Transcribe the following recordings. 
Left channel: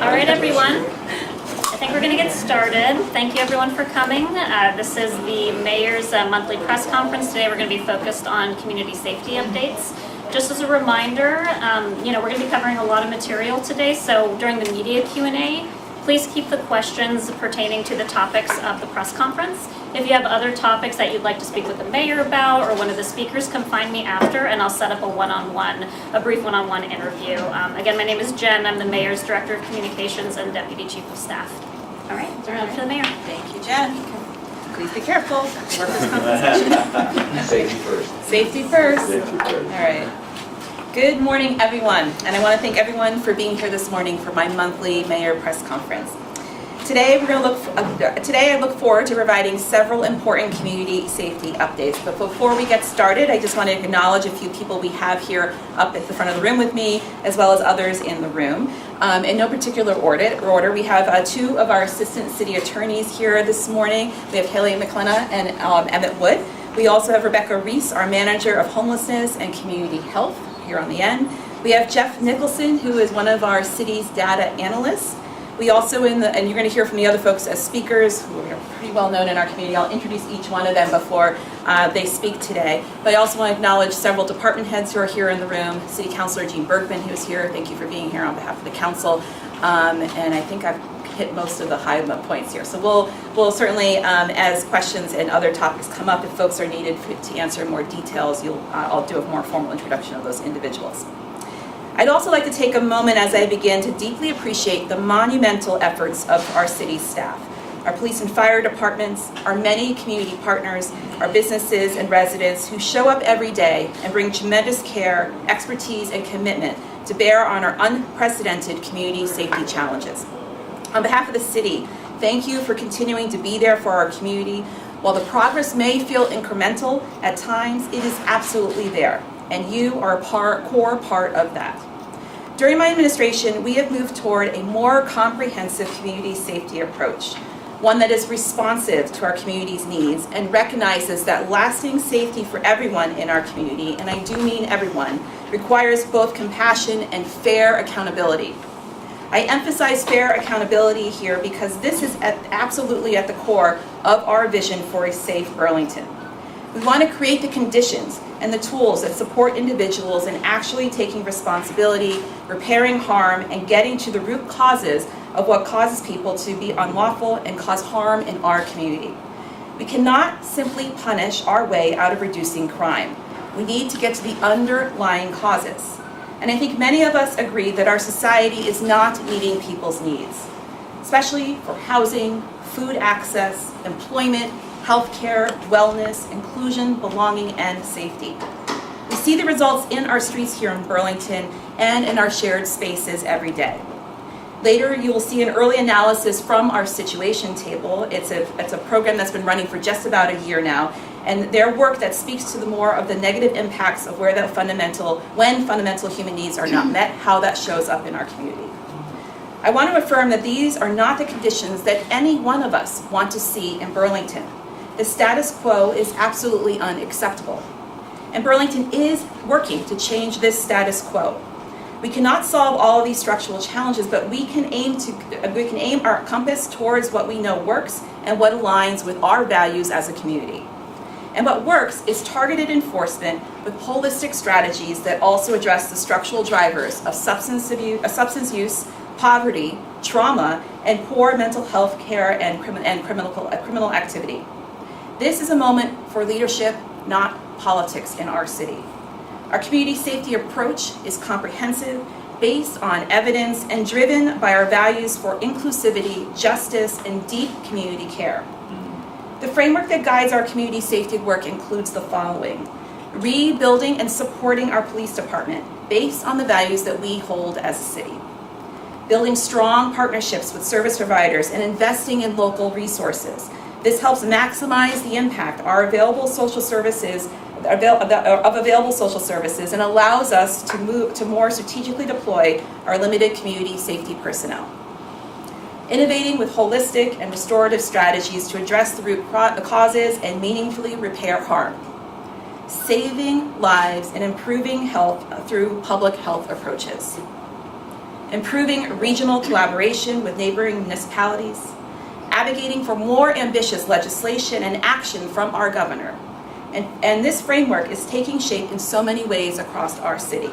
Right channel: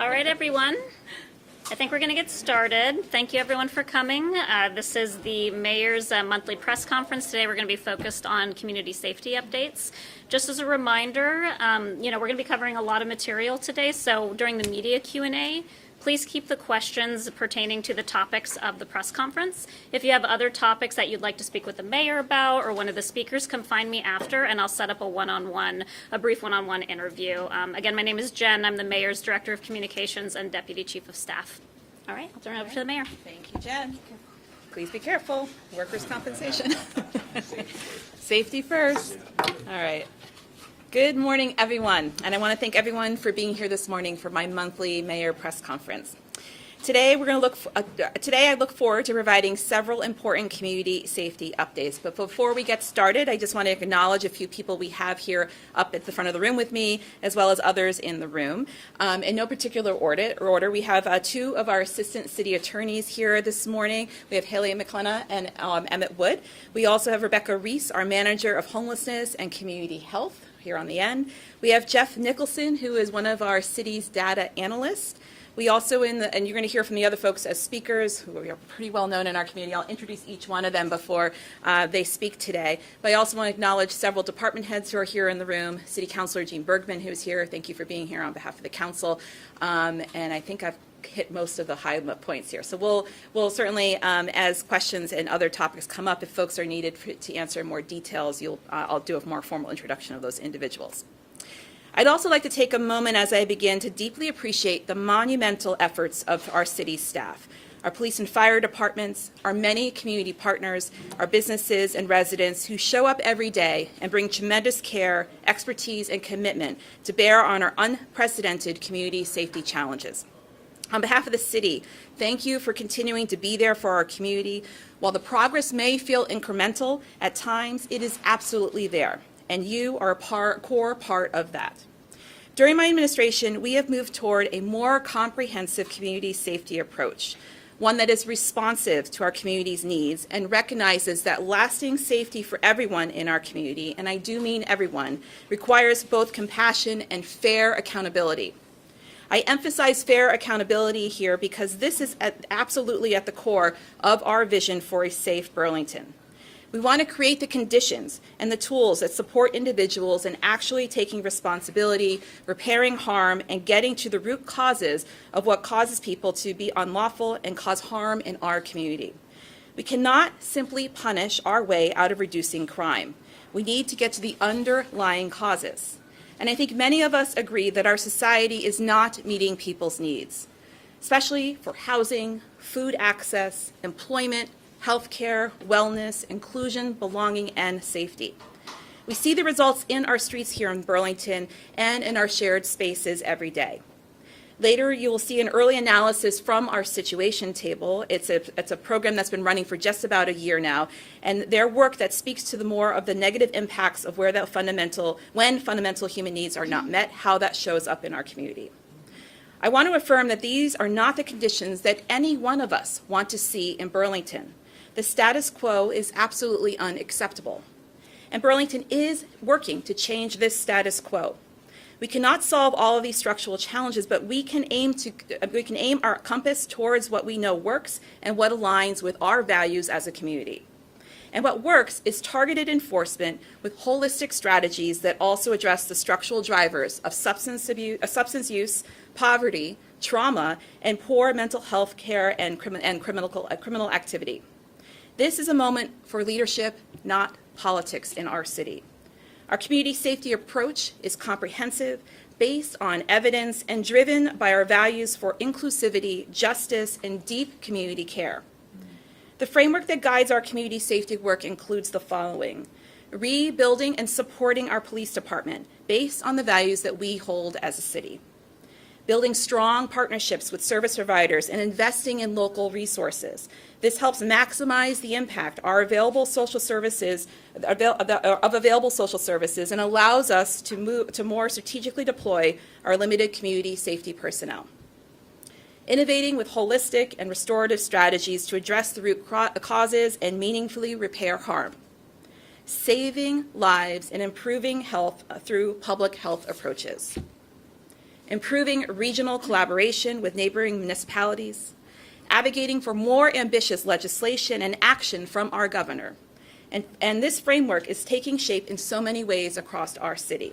All right, everyone. I think we're going to get started. Thank you, everyone, for coming. This is the Mayor's monthly press conference. Today, we're going to be focused on community safety updates. Just as a reminder, we're going to be covering a lot of material today. So during the media Q&A, please keep the questions pertaining to the topics of the press conference. If you have other topics that you'd like to speak with the mayor about or one of the speakers, come find me after and I'll set up a brief one-on-one interview. Again, my name is Jen. I'm the Mayor's Director of Communications and Deputy Chief of Staff. All right, turn it over to the Mayor. Thank you, Jen. Please be careful. Workers' compensation. Safety first. Safety first. Safety first. All right. Good morning, everyone, and I want to thank everyone for being here this morning for my monthly Mayor press conference. Today, I look forward to providing several important community safety updates. But before we get started, I just want to acknowledge a few people we have here up at the front of the room with me, as well as others in the room. In no particular order, we have two of our assistant city attorneys here this morning. We have Haley McClenna and Emmett Wood. We also have Rebecca Reese, our manager of homelessness and community health, here on the end. We have Jeff Nicholson, who is one of our city's data analysts. We also, and you're going to hear from the other folks as speakers, who are pretty well known in our community. I'll introduce each one of them before they speak today. But I also want to acknowledge several department heads who are here in the room. City Councilor Jean Bergman, who's here. Thank you for being here on behalf of the council. And I think I've hit most of the high points here. So we'll certainly, as questions and other topics come up, if folks are needed to answer more details, I'll do a more formal introduction of those individuals. I'd also like to take a moment as I begin to deeply appreciate the monumental efforts of our city staff, our police and fire departments, our many community partners, our businesses and residents who show up every day and bring tremendous care, expertise, and commitment to bear on our unprecedented community safety challenges. On behalf of the city, thank you for continuing to be there for our community. While the progress may feel incremental at times, it is absolutely there, and you are a core part of that. During my administration, we have moved toward a more comprehensive community safety approach, one that is responsive to our community's needs and recognizes that lasting safety for everyone in our community, and I do mean everyone, requires both compassion and fair accountability. I emphasize fair accountability here because this is absolutely at the core of our vision for a safe Burlington. We want to create the conditions and the tools that support individuals in actually taking responsibility, repairing harm, and getting to the root causes of what causes people to be unlawful and cause harm in our community. We cannot simply punish our way out of reducing crime. We need to get to the underlying causes. And I think many of us agree that our society is not meeting people's needs, especially for housing, food access, employment, healthcare, wellness, inclusion, belonging, and safety. We see the results in our streets here in Burlington and in our shared spaces every day. Later, you will see an early analysis from our situation table. It's a program that's been running for just about a year now, and their work that speaks to the more of the negative impacts of when fundamental human needs are not met, how that shows up in our community. I want to affirm that these are not the conditions that any one of us want to see in Burlington. The status quo is absolutely unacceptable. And Burlington is working to change this status quo. We cannot solve all of these structural challenges, but we can aim our compass towards what we know works and what aligns with our values as a community. And what works is targeted enforcement with holistic strategies that also address the structural drivers of substance use, poverty, trauma, and poor mental health care and criminal activity. This is a moment for leadership, not politics in our city. Our community safety approach is comprehensive, based on evidence, and driven by our values for inclusivity, justice, and deep community care. The framework that guides our community safety work includes the following: rebuilding and supporting our police department based on the values that we hold as a city. Building strong partnerships with service providers and investing in local resources. This helps maximize the impact of available social services and allows us to move to more strategically deploy our limited community safety personnel. Innovating with holistic and restorative strategies to address the root causes and meaningfully repair harm. Saving lives and improving health through public health approaches. improving regional collaboration with neighboring municipalities, advocating for more ambitious legislation and action from our governor. And this framework is taking shape in so many ways across our city.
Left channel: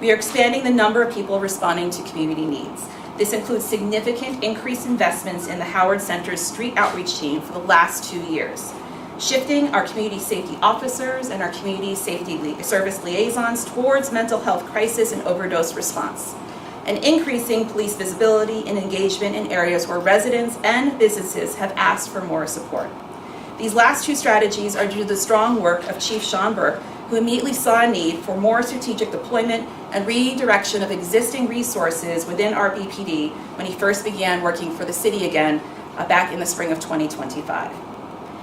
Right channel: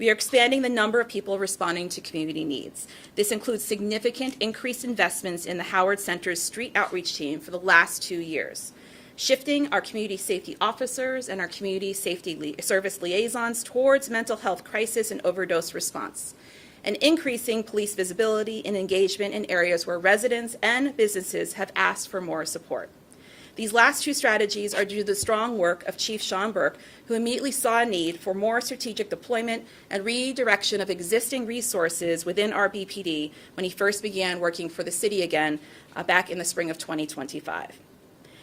We are expanding the number of people responding to community needs. This includes significant increased investments in the Howard Center's street outreach team for the last 2 years, shifting our community safety officers and our community safety service liaisons towards mental health crisis and overdose response, and increasing police visibility and engagement in areas where residents and businesses have asked for more support. These last two strategies are due to the strong work of Chief Sean Burke, who immediately saw a need for more strategic deployment and redirection of existing resources within our BPD when he first began working for the city again back in the spring of 2025.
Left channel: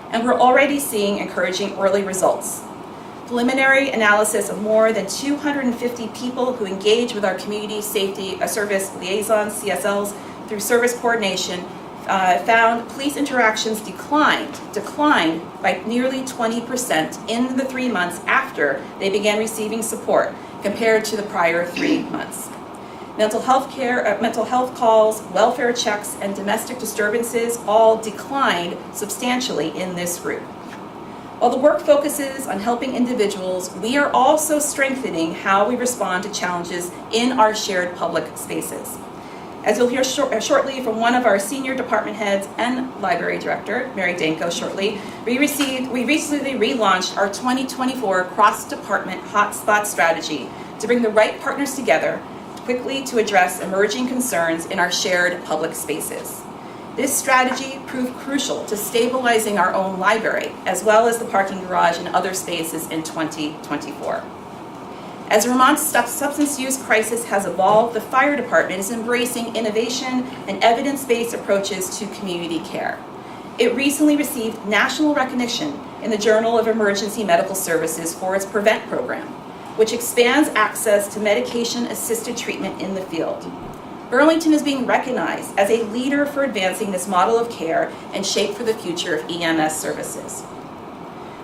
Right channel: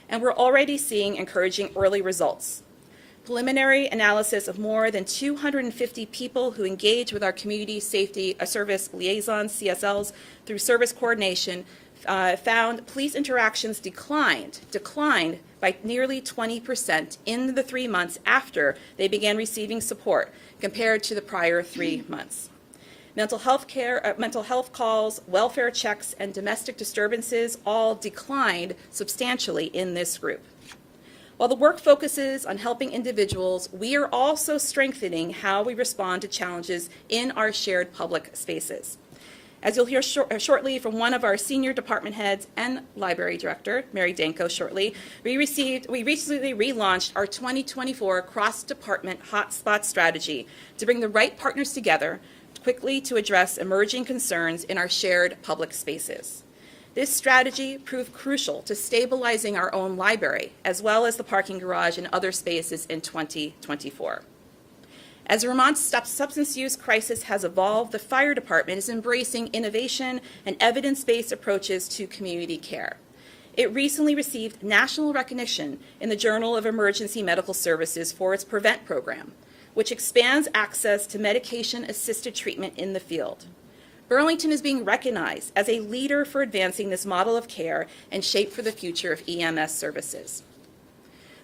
And we're already seeing encouraging early results. Preliminary analysis of more than 250 people who engage with our community safety service liaisons, CSLs, through service coordination found police interactions declined by nearly 20% in the 3 months after they began receiving support compared to the prior 3 months. Mental health calls, welfare checks, and domestic disturbances all declined substantially in this group. While the work focuses on helping individuals, we are also strengthening how we respond to challenges in our shared public spaces. As you'll hear shortly from one of our senior department heads and library director, Mary Danko, shortly, we recently relaunched our 2024 cross-department hotspot strategy to bring the right partners together quickly to address emerging concerns in our shared public spaces. This strategy proved crucial to stabilizing our own library, as well as the parking garage and other spaces in 2024. As Vermont's substance use crisis has evolved, the fire department is embracing innovation and evidence-based approaches to community care. It recently received national recognition in the Journal of Emergency Medical Services for its PREVENT program, which expands access to medication-assisted treatment in the field. Burlington is being recognized as a leader for advancing this model of care and shape for the future of EMS services.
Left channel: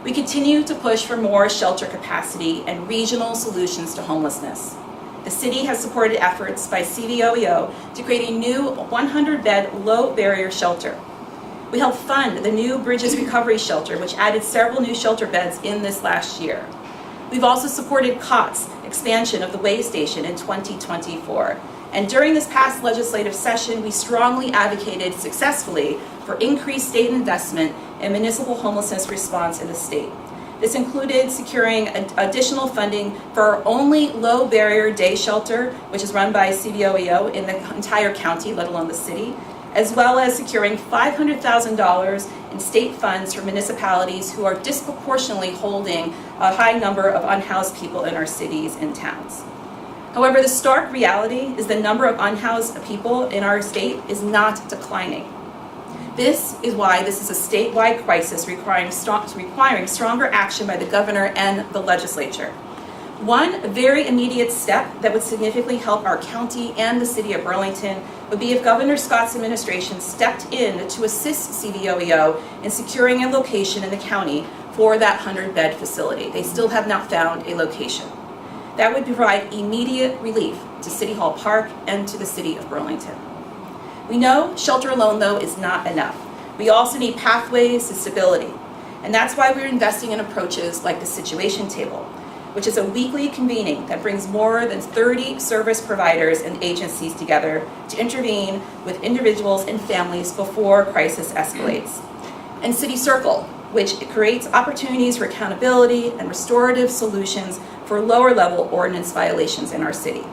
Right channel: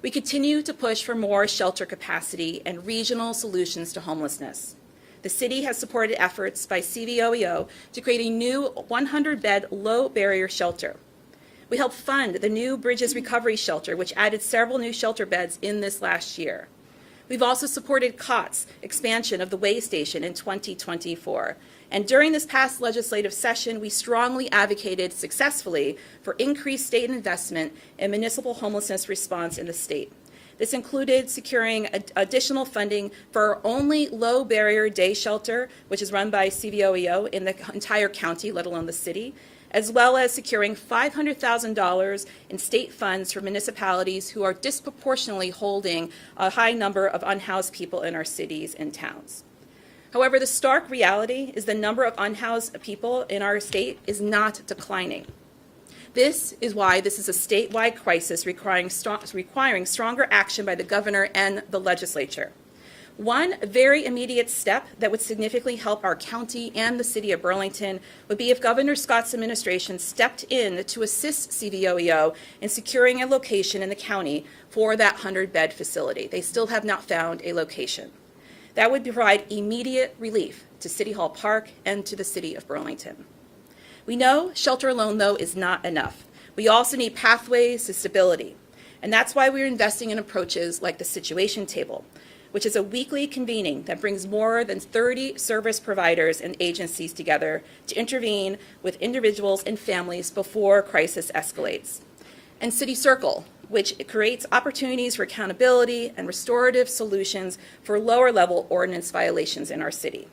We continue to push for more shelter capacity and regional solutions to homelessness. The city has supported efforts by CVOEO to create a new 100-bed low-barrier shelter. We helped fund the new Bridges Recovery Shelter, which added several new shelter beds in this last year. We've also supported COTS expansion of the way station in 2024. And during this past legislative session, we strongly advocated successfully for increased state investment in municipal homelessness response in the state. This included securing additional funding for our only low barrier day shelter, which is run by CVOEO in the entire county, let alone the city, as well as securing $500,000 in state funds for municipalities who are disproportionately holding a high number of unhoused people in our cities and towns. However, the stark reality is the number of unhoused people in our state is not declining. This is why this is a statewide crisis requiring stronger action by the governor and the legislature. One very immediate step that would significantly help our county and the city of Burlington would be if Governor Scott's administration stepped in to assist CVOEO in securing a location in the county for that 100-bed facility. They still have not found a location. That would provide immediate relief to City Hall Park and to the city of Burlington. We know shelter alone, though, is not enough. We also need pathways to stability. And that's why we're investing in approaches like the Situation Table, which is a weekly convening that brings more than 30 service providers and agencies together to intervene with individuals and families before crisis escalates. And City Circle, which creates opportunities for accountability and restorative solutions for lower-level ordinance violations in our city.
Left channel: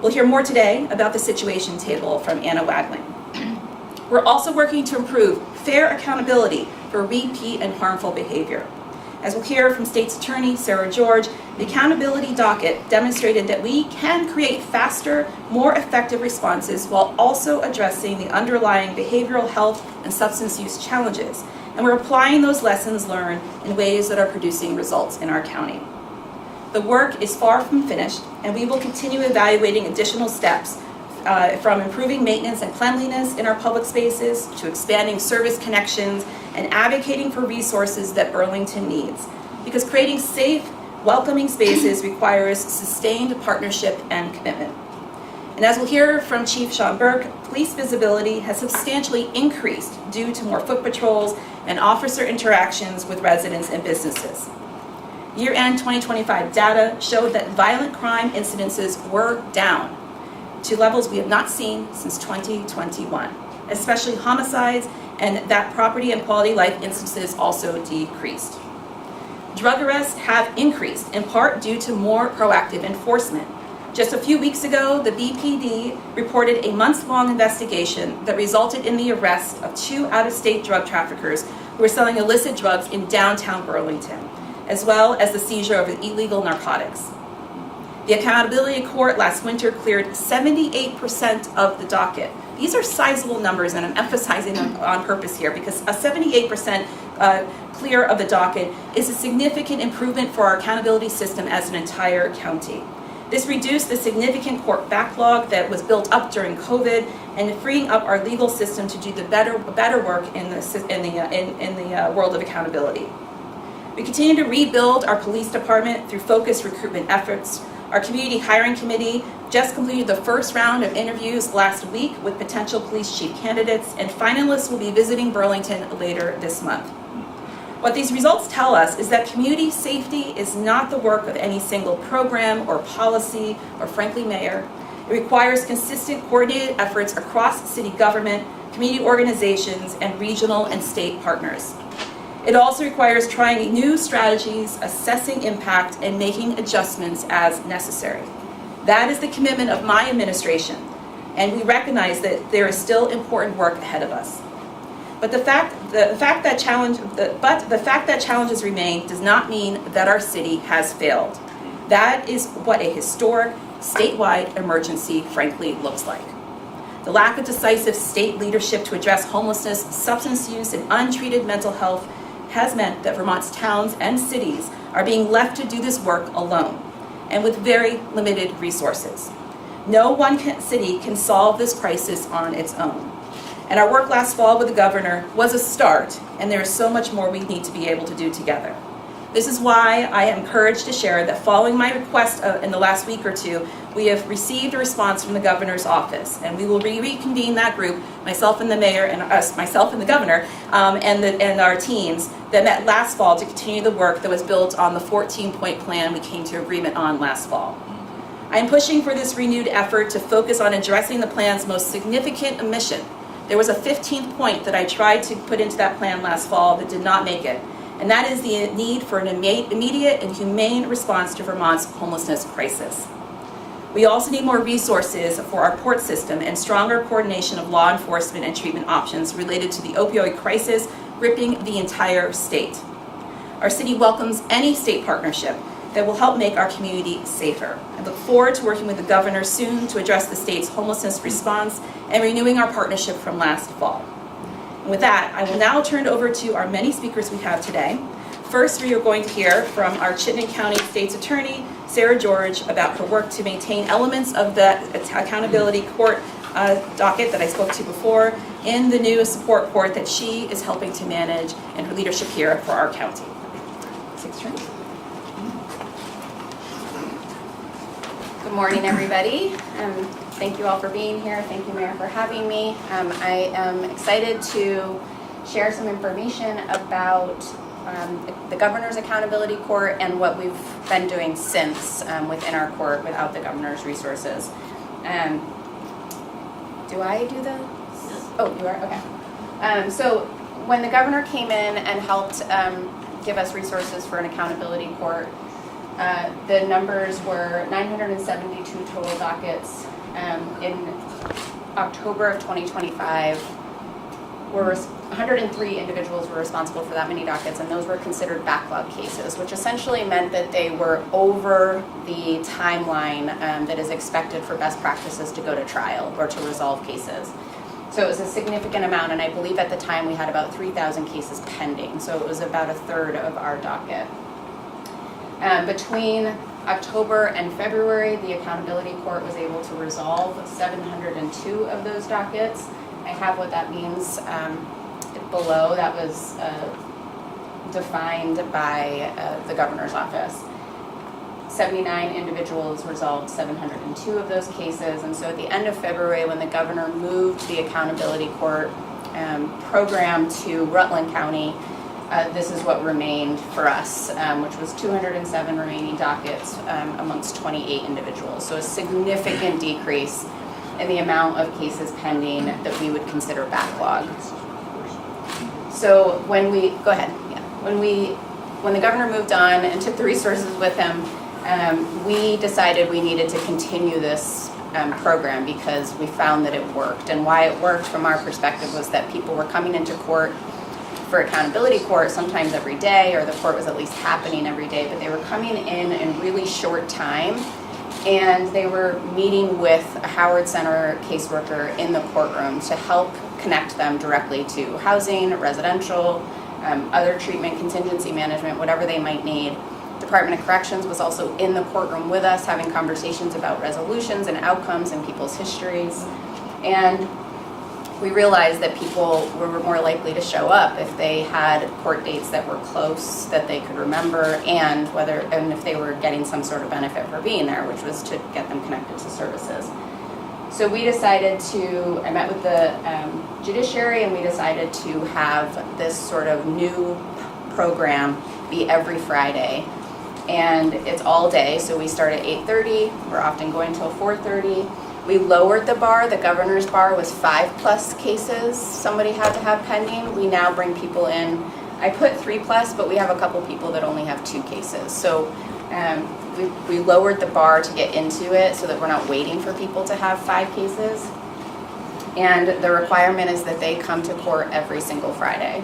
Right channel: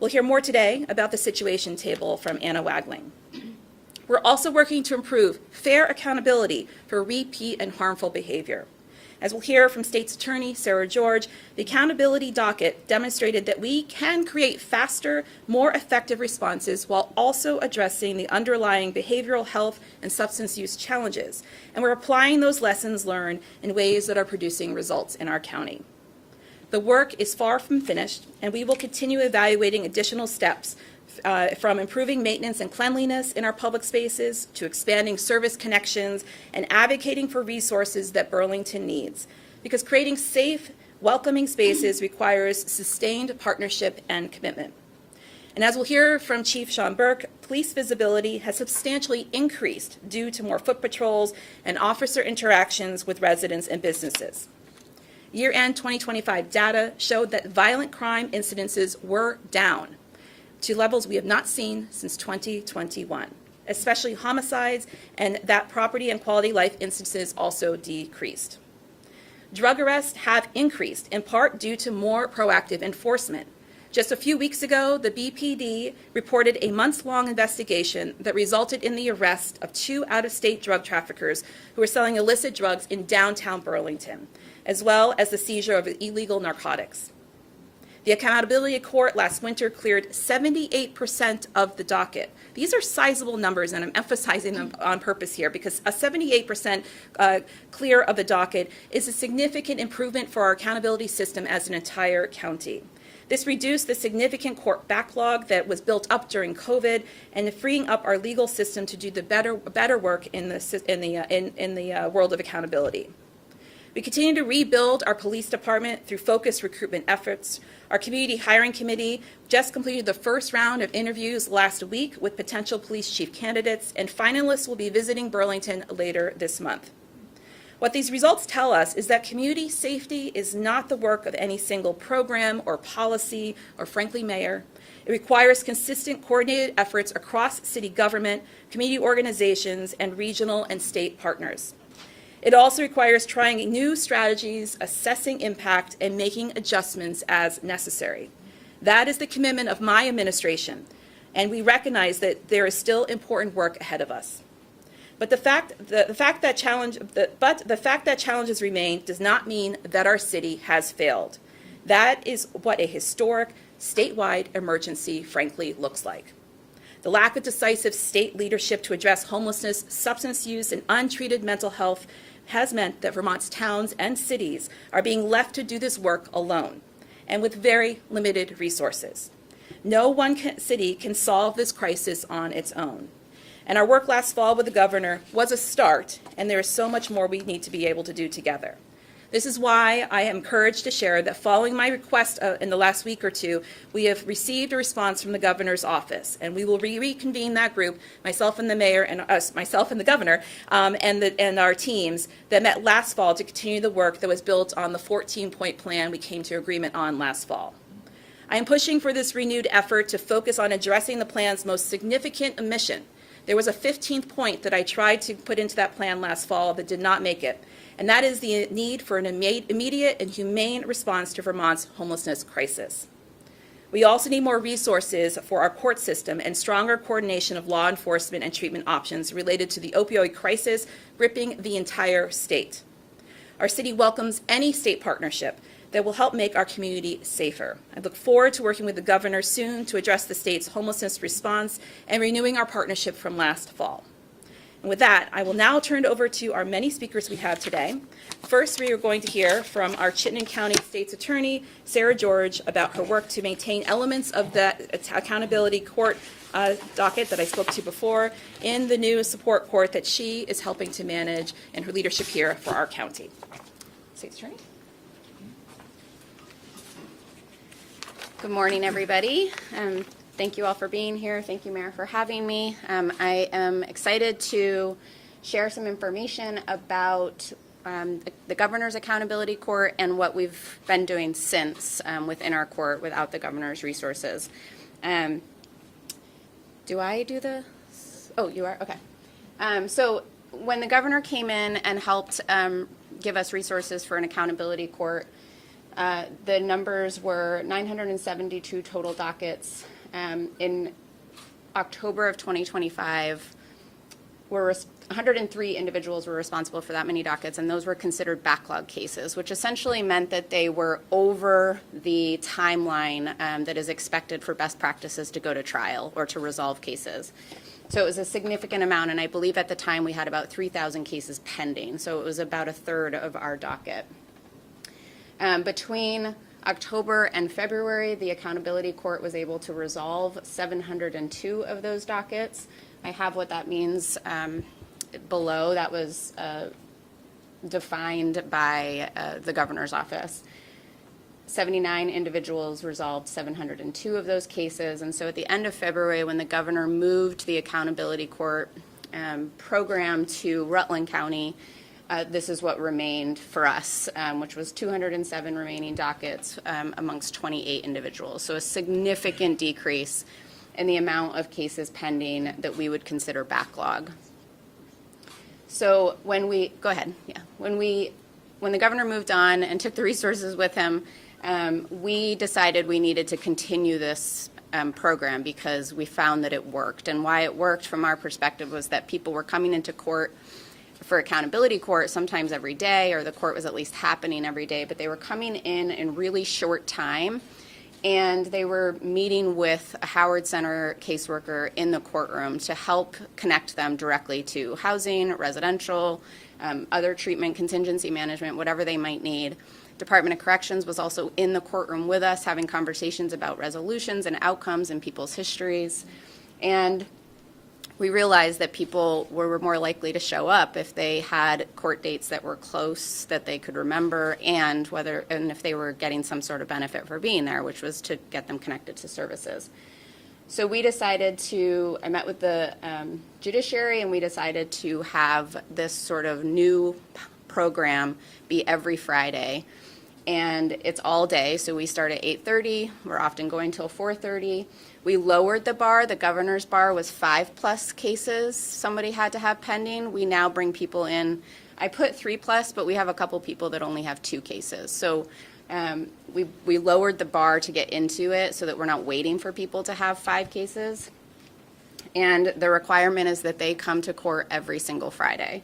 We'll hear more today about the Situation Table from Anna Wadling. We're also working to improve fair accountability for repeat and harmful behavior. As we'll hear from State's Attorney Sarah George, the accountability docket demonstrated that we can create faster, more effective responses while also addressing the underlying behavioral health and substance use challenges. And we're applying those lessons learned in ways that are producing results in our county. The work is far from finished, and we will continue evaluating additional steps from improving maintenance and cleanliness in our public spaces to expanding service connections and advocating for resources that Burlington needs. Because creating safe, welcoming spaces requires sustained partnership and commitment. And as we'll hear from Chief Sean Burke, police visibility has substantially increased due to more foot patrols and officer interactions with residents and businesses. Year-end 2025 data showed that violent crime incidences were down to levels we have not seen since 2021, especially homicides, and that property and quality life instances also decreased. Drug arrests have increased, in part due to more proactive enforcement. Just a few weeks ago, the BPD reported a months-long investigation that resulted in the arrest of 2 out-of-state drug traffickers who were selling illicit drugs in downtown Burlington, as well as the seizure of illegal narcotics. The Accountability Court last winter cleared 78% of the docket. These are sizable numbers, and I'm emphasizing them on purpose here because a 78% clear of the docket is a significant improvement for our accountability system as an entire county. This reduced the significant court backlog that was built up during COVID and freeing up our legal system to do the better work in the world of accountability. We continue to rebuild our police department through focused recruitment efforts. Our community hiring committee just completed the first round of interviews last week with potential police chief candidates, and finalists will be visiting Burlington later this month. What these results tell us is that community safety is not the work of any single program or policy or, frankly, mayor. It requires consistent, coordinated efforts across city government, community organizations, and regional and state partners. It also requires trying new strategies, assessing impact, and making adjustments as necessary. That is the commitment of my administration, and we recognize that there is still important work ahead of us. But the fact that challenges remain does not mean that our city has failed. That is what a historic statewide emergency frankly looks like. The lack of decisive state leadership to address homelessness, substance use, and untreated mental health has meant that Vermont's towns and cities are being left to do this work alone and with very limited resources. No one city can solve this crisis on its own. And our work last fall with the governor was a start, and there is so much more we need to be able to do together. This is why I am encouraged to share that following my request in the last week or two, we have received a response from the governor's office, and we will reconvene that group, myself and the mayor, and myself and the governor, and our teams that met last fall to continue the work that was built on the 14-point plan we came to agreement on last fall. I am pushing for this renewed effort to focus on addressing the plan's most significant omission. There was a 15th point that I tried to put into that plan last fall that did not make it, and that is the need for an immediate and humane response to Vermont's homelessness crisis. We also need more resources for our court system and stronger coordination of law enforcement and treatment options related to the opioid crisis gripping the entire state. Our city welcomes any state partnership that will help make our community safer. I look forward to working with the governor soon to address the state's homelessness response and renewing our partnership from last fall. And with that, I will now turn it over to our many speakers we have today. First, we are going to hear from our Chittenden County State's Attorney, Sarah George, about her work to maintain elements of the Accountability Court docket that I spoke to before in the new support court that she is helping to manage and her leadership here for our county. State's Attorney. Good morning, everybody. Thank you all for being here. Thank you, Mayor, for having me. I am excited to share some information about the Governor's Accountability Court and what we've been doing since within our court without the Governor's resources. Do I do the? Oh, you are? Okay. So when the Governor came in and helped give us resources for an accountability court, the numbers were 972 total dockets. In October of 2025, 103 individuals were responsible for that many dockets, and those were considered backlog cases, which essentially meant that they were over the timeline that is expected for best practices to go to trial or to resolve cases. So it was a significant amount, and I believe at the time we had about 3,000 cases pending, so it was about a third of our docket. Between October and February, the Accountability Court was able to resolve 702 of those dockets. I have what that means below. That was defined by the Governor's office. 79 individuals resolved 702 of those cases, and so at the end of February, when the governor moved the accountability court program to Rutland County, this is what remained for us, which was 207 remaining dockets amongst 28 individuals. So a significant decrease in the amount of cases pending that we would consider backlog. So when we, go ahead, yeah. When the governor moved on and took the resources with him, we decided we needed to continue this program because we found that it worked. And why it worked from our perspective was that people were coming into court for accountability court sometimes every day, or the court was at least happening every day, but they were coming in really short time, and they were meeting with a Howard Center caseworker in the courtroom to help connect them directly to housing, residential, other treatment, contingency management, whatever they might need. Department of Corrections was also in the courtroom with us, having conversations about resolutions and outcomes and people's histories. And we realized that people were more likely to show up if they had court dates that were close, that they could remember, and if they were getting some sort of benefit for being there, which was to get them connected to services. So we decided I met with the judiciary, and we decided to have this sort of new program be every Friday. And it's all day, so we start at 8:30, we're often going till 4:30. We lowered the bar. The governor's bar was 5+ cases somebody had to have pending. We now bring people in. I put 3+, but we have a couple people that only have 2 cases. So we lowered the bar to get into it so that we're not waiting for people to have 5 cases. And the requirement is that they come to court every single Friday.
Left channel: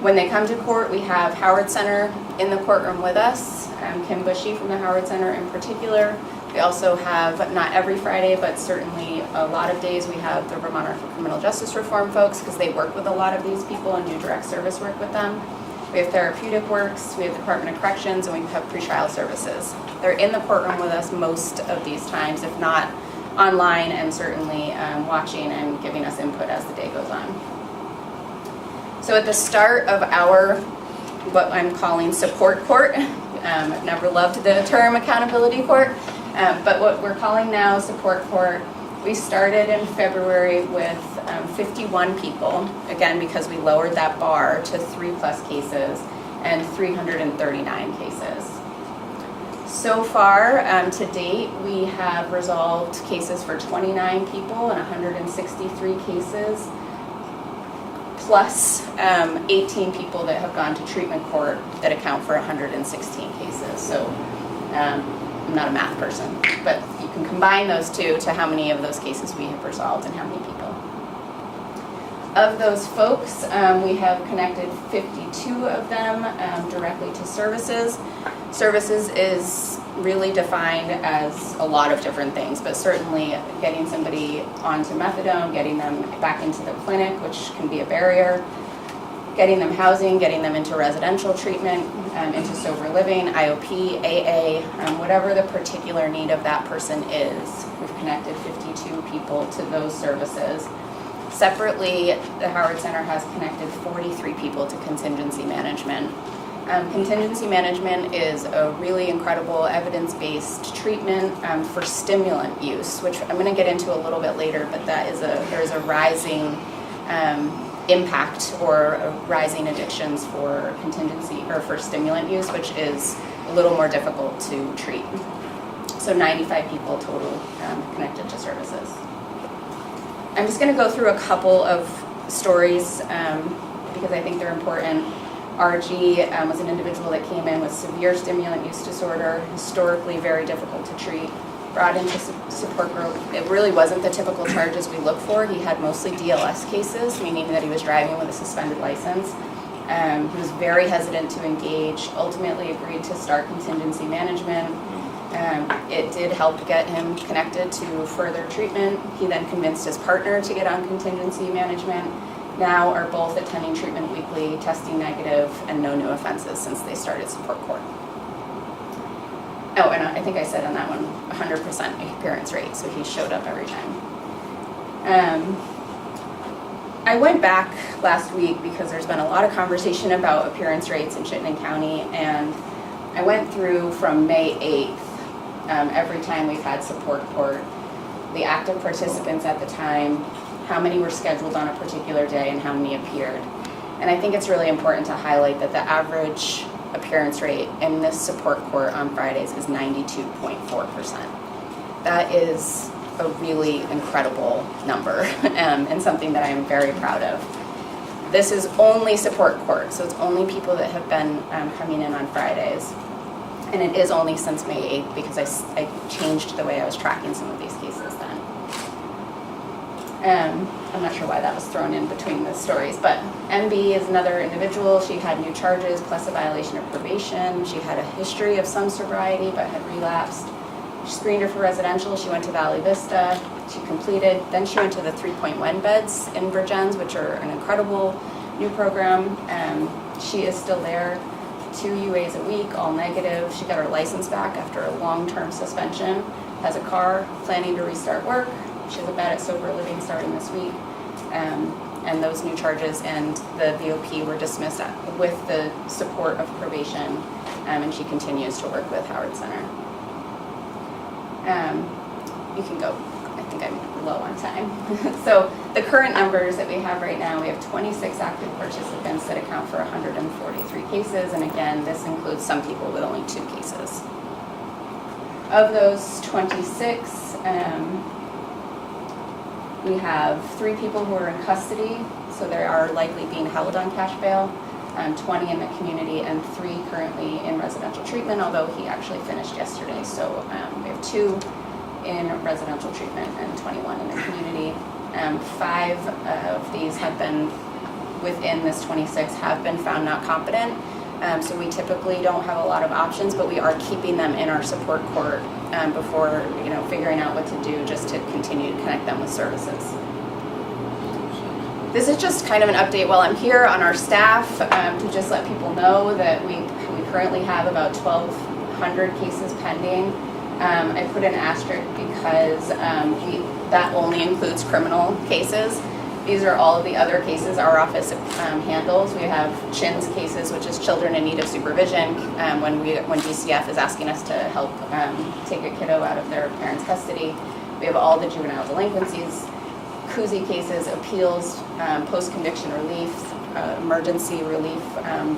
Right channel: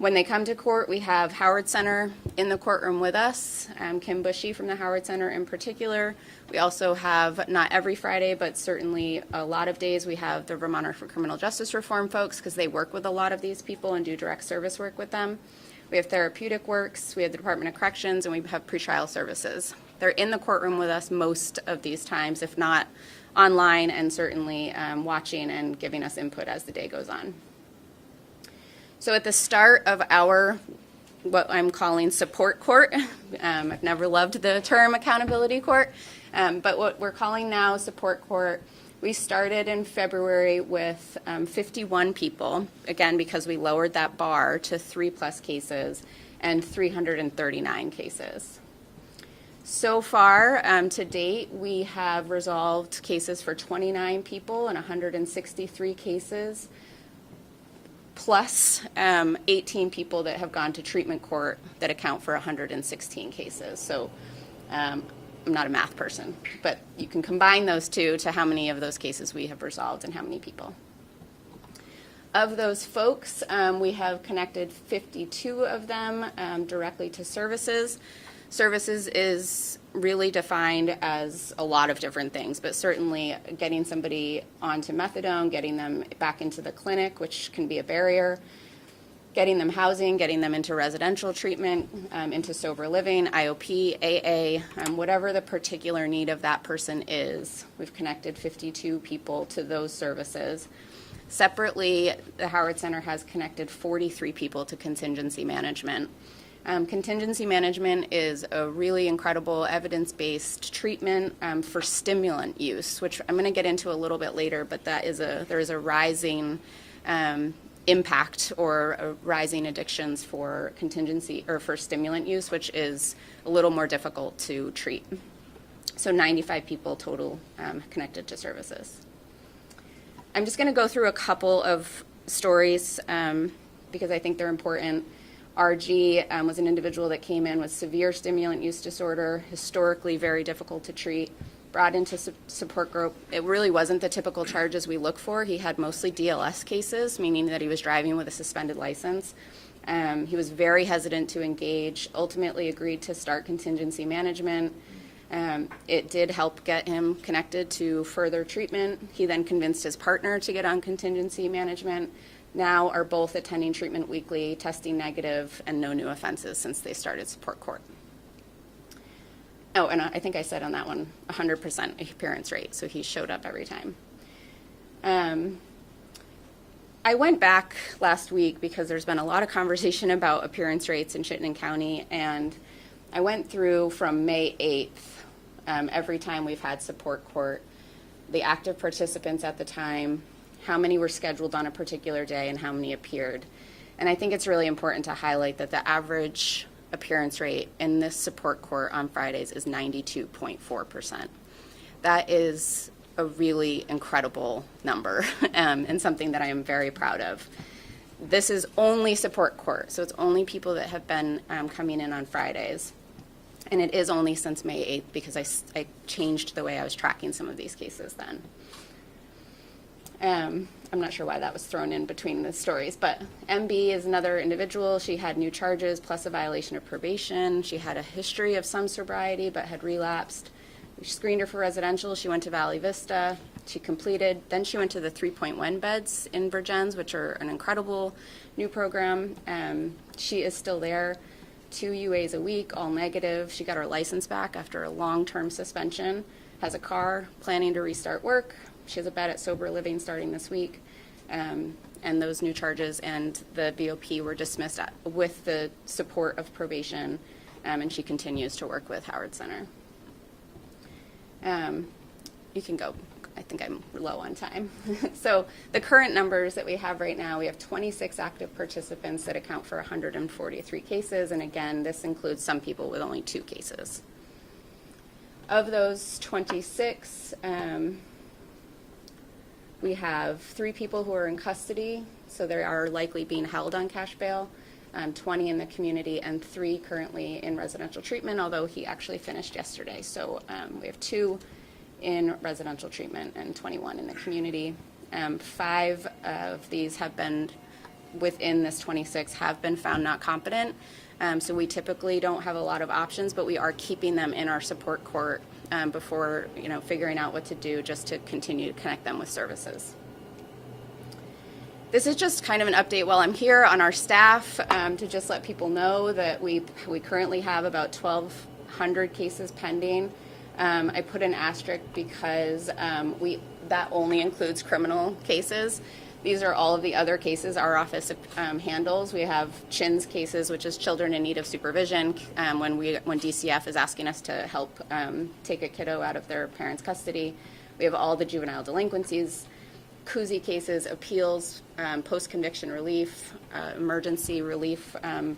When they come to court, we have Howard Center in the courtroom with us, Kim Bushy from the Howard Center in particular. We also have, not every Friday, but certainly a lot of days, we have the Vermont Criminal Justice Reform folks, because they work with a lot of these people and do direct service work with them. We have Therapeutic Works, we have the Department of Corrections, and we have pretrial services. They're in the courtroom with us most of these times, if not online, and certainly watching and giving us input as the day goes on. So at the start of what I'm calling support court, I've never loved the term accountability court, but what we're calling now support court, we started in February with 51 people, again because we lowered that bar to 3+ cases, and 339 cases. So far, to date, we have resolved cases for 29 people and 163 cases, plus 18 people that have gone to treatment court that account for 116 cases. So I'm not a math person, but you can combine those two to how many of those cases we have resolved and how many people. Of those folks, we have connected 52 of them directly to services. Services is really defined as a lot of different things, but certainly getting somebody onto methadone, getting them back into the clinic, which can be a barrier, getting them housing, getting them into residential treatment, into sober living, IOP, AA, whatever the particular need of that person is. We've connected 52 people to those services. Separately, the Howard Center has connected 43 people to contingency management. Contingency management is a really incredible evidence-based treatment for stimulant use, which I'm going to get into a little bit later, but there is a rising impact or rising addictions for contingency or for stimulant use, which is a little more difficult to treat. So 95 people total connected to services. I'm just going to go through a couple of stories because I think they're important. RG was an individual that came in with severe stimulant use disorder, historically very difficult to treat, brought into support group. It really wasn't the typical charges we look for. He had mostly DLS cases, meaning that he was driving with a suspended license. He was very hesitant to engage, ultimately agreed to start contingency management. It did help get him connected to further treatment. He then convinced his partner to get on contingency management. Now are both attending treatment weekly, testing negative, and no new offenses since they started support court. Oh, and I think I said on that one, 100% appearance rate, so he showed up every time. I went back last week because there's been a lot of conversation about appearance rates in Chittenden County, and I went through from May 8th, every time we've had support court, the active participants at the time, how many were scheduled on a particular day and how many appeared. And I think it's really important to highlight that the average appearance rate in this support court on Fridays is 92.4%. That is a really incredible number and something that I am very proud of. This is only support court, so it's only people that have been coming in on Fridays. And it is only since May 8th because I changed the way I was tracking some of these cases then. I'm not sure why that was thrown in between the stories, but MB is another individual. She had new charges plus a violation of probation. She had a history of some sobriety but had relapsed. She screened her for residential. She went to Valley Vista. She completed. Then she went to the 3.1 beds in Virgins, which are an incredible new program. She is still there. 2 UAs a week, all negative. She got her license back after a long-term suspension. Has a car, planning to restart work. She has a bed at Sober Living starting this week. And those new charges and the VOP were dismissed with the support of probation. And she continues to work with Howard Center. You can go. I think I'm low on time. So the current numbers that we have right now, we have 26 active participants that account for 143 cases. And again, this includes some people with only 2 cases. Of those 26, we have 3 people who are in custody, so they are likely being held on cash bail, 20 in the community, and 3 currently in residential treatment, although he actually finished yesterday. So we have 2 in residential treatment and 21 in the community. 5 of these have been, within this 26, have been found not competent. So we typically don't have a lot of options, but we are keeping them in our support court before figuring out what to do, just to continue to connect them with services. This is just kind of an update while I'm here on our staff to just let people know that we currently have about 1,200 cases pending. I put an asterisk because that only includes criminal cases. These are all of the other cases our office handles. We have CHINS cases, which is children in need of supervision, when DCF is asking us to help take a kiddo out of their parents' custody. We have all the juvenile delinquencies, KUZI cases, appeals, post-conviction relief, emergency relief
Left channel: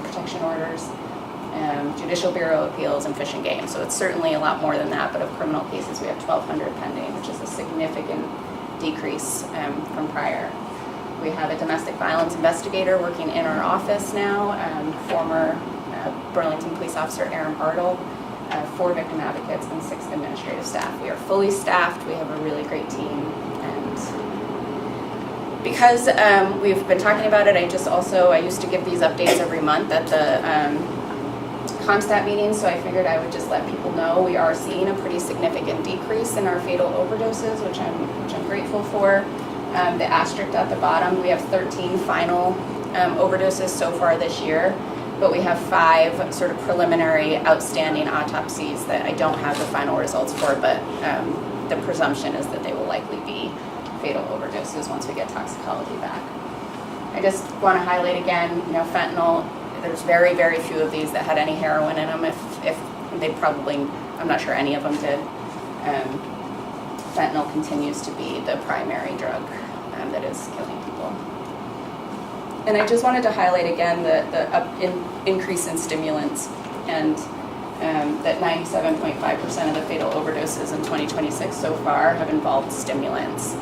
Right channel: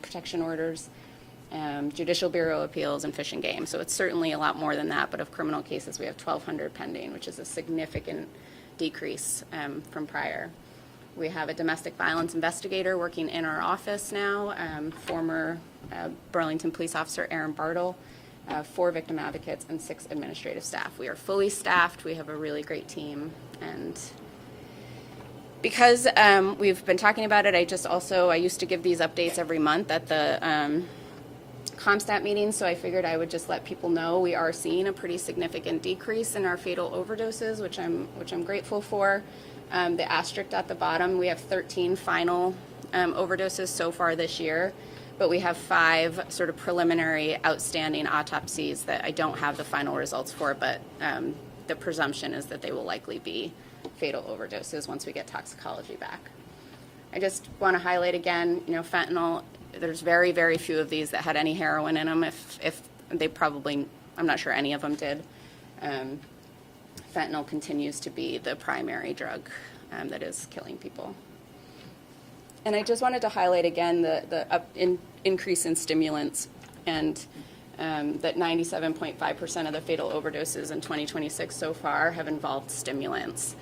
protection orders, Judicial Bureau appeals, and fish and game. So it's certainly a lot more than that, but of criminal cases we have 1,200 pending, which is a significant decrease from prior. We have a domestic violence investigator working in our office now, former Burlington police officer Aaron Bartle, 4 victim advocates, and 6 administrative staff. We are fully staffed. We have a really great team, and because we've been talking about it, I used to give these updates every month at the ComStat meetings, so I figured I would just let people know we are seeing a pretty significant decrease in our fatal overdoses, which I'm grateful for. The asterisk at the bottom, we have 13 final overdoses so far this year, but we have 5 sort of preliminary outstanding autopsies that I don't have the final results for, but the presumption is that they will likely be fatal overdoses once we get toxicology back. I just want to highlight again, fentanyl. There's very, very few of these that had any heroin in them. If they probably, I'm not sure any of them did. Fentanyl continues to be the primary drug that is killing people. And I just wanted to highlight again the increase in stimulants, and that 97.5% of the fatal overdoses in 2026 so far have involved stimulants.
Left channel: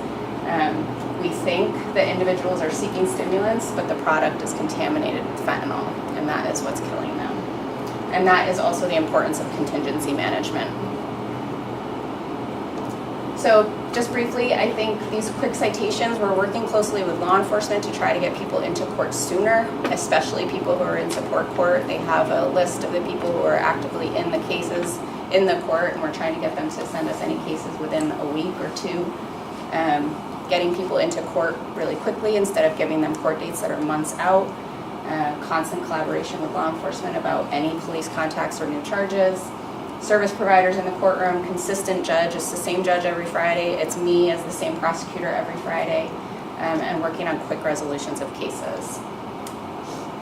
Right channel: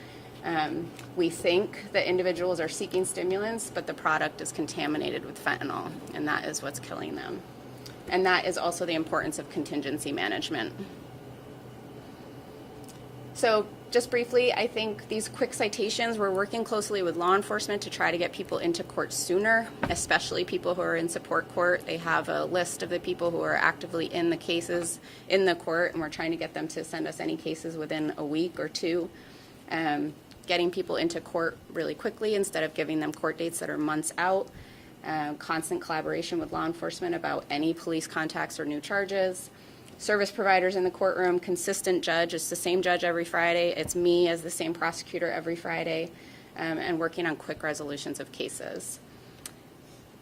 We think that individuals are seeking stimulants, but the product is contaminated with fentanyl, and that is what's killing them. And that is also the importance of contingency management. So just briefly, I think these quick citations, we're working closely with law enforcement to try to get people into court sooner, especially people who are in support court. They have a list of the people who are actively in the cases in the court, and we're trying to get them to send us any cases within a week or 2. Getting people into court really quickly instead of giving them court dates that are months out. Constant collaboration with law enforcement about any police contacts or new charges. Service providers in the courtroom, consistent judge. It's the same judge every Friday. It's me as the same prosecutor every Friday, and working on quick resolutions of cases.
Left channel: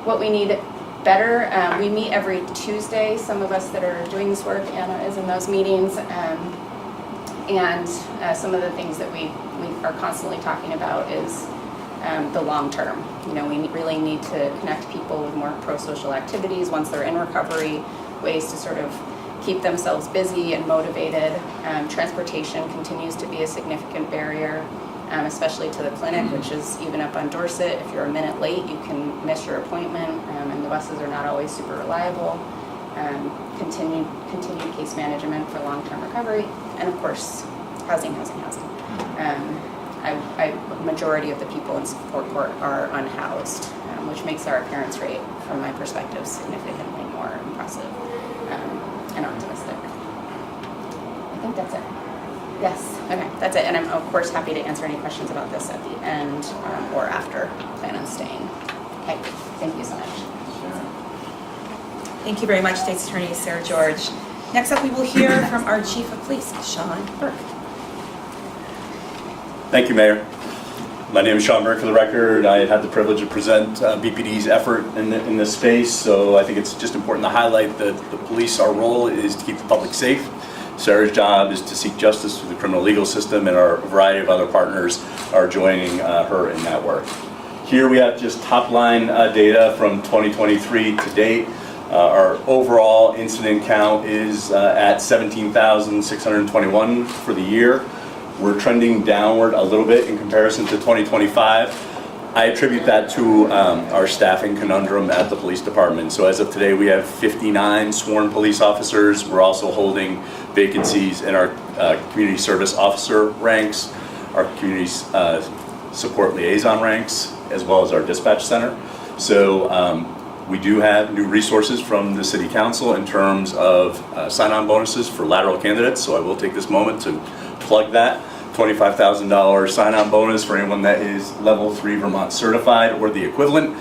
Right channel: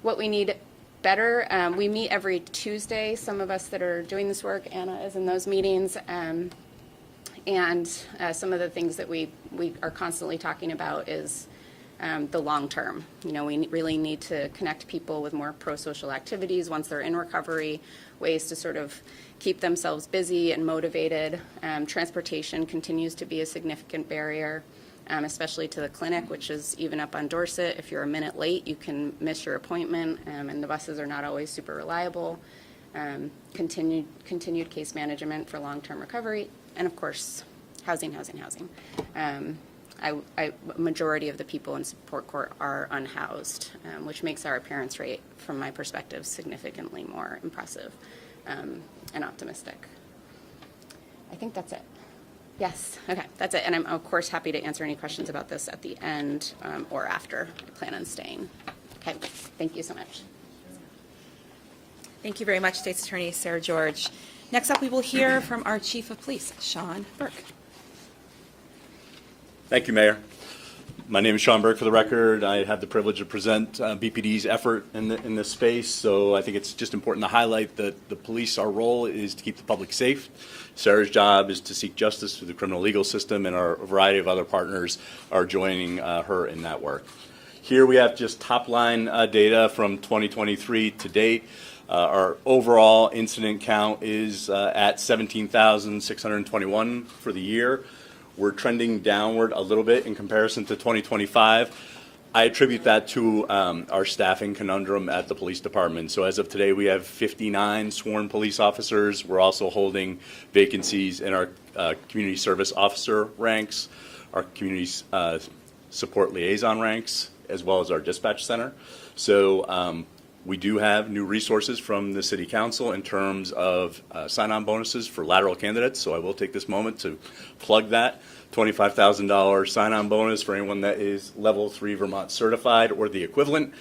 What we need better. We meet every Tuesday. Some of us that are doing this work, Anna is in those meetings. And some of the things that we are constantly talking about is the long term. You know, we really need to connect people with more pro-social activities once they're in recovery, ways to sort of keep themselves busy and motivated. Transportation continues to be a significant barrier, especially to the clinic, which is even up on Dorset. If you're a minute late, you can miss your appointment, and the buses are not always super reliable. Continued case management for long-term recovery, and of course, housing. Majority of the people in support court are unhoused, which makes our appearance rate, from my perspective, significantly more impressive and optimistic. I think that's it. Yes, okay, that's it. And I'm of course happy to answer any questions about this at the end or after. Plan on staying. Okay, thank you so much. Thank you very much, State's Attorney Sarah George. Next up, we will hear from our Chief of Police, Sean Burke. Thank you, Mayor. My name is Sean Burke, for the record. I had the privilege to present BPD's effort in this space, so I think it's just important to highlight that the police, our role is to keep the public safe. Sarah's job is to seek justice through the criminal legal system, and our variety of other partners are joining her in that work. Here we have just top-line data from 2023 to date. Our overall incident count is at 17,621 for the year. We're trending downward a little bit in comparison to 2025. I attribute that to our staffing conundrum at the police department. So as of today, we have 59 sworn police officers. We're also holding vacancies in our community service officer ranks, our community support liaison ranks, as well as our dispatch center. So we do have new resources from the City Council in terms of sign-on bonuses for lateral candidates. So I will take this moment to plug that. $25,000 sign-on bonus for anyone that is level 3 Vermont certified or the equivalent.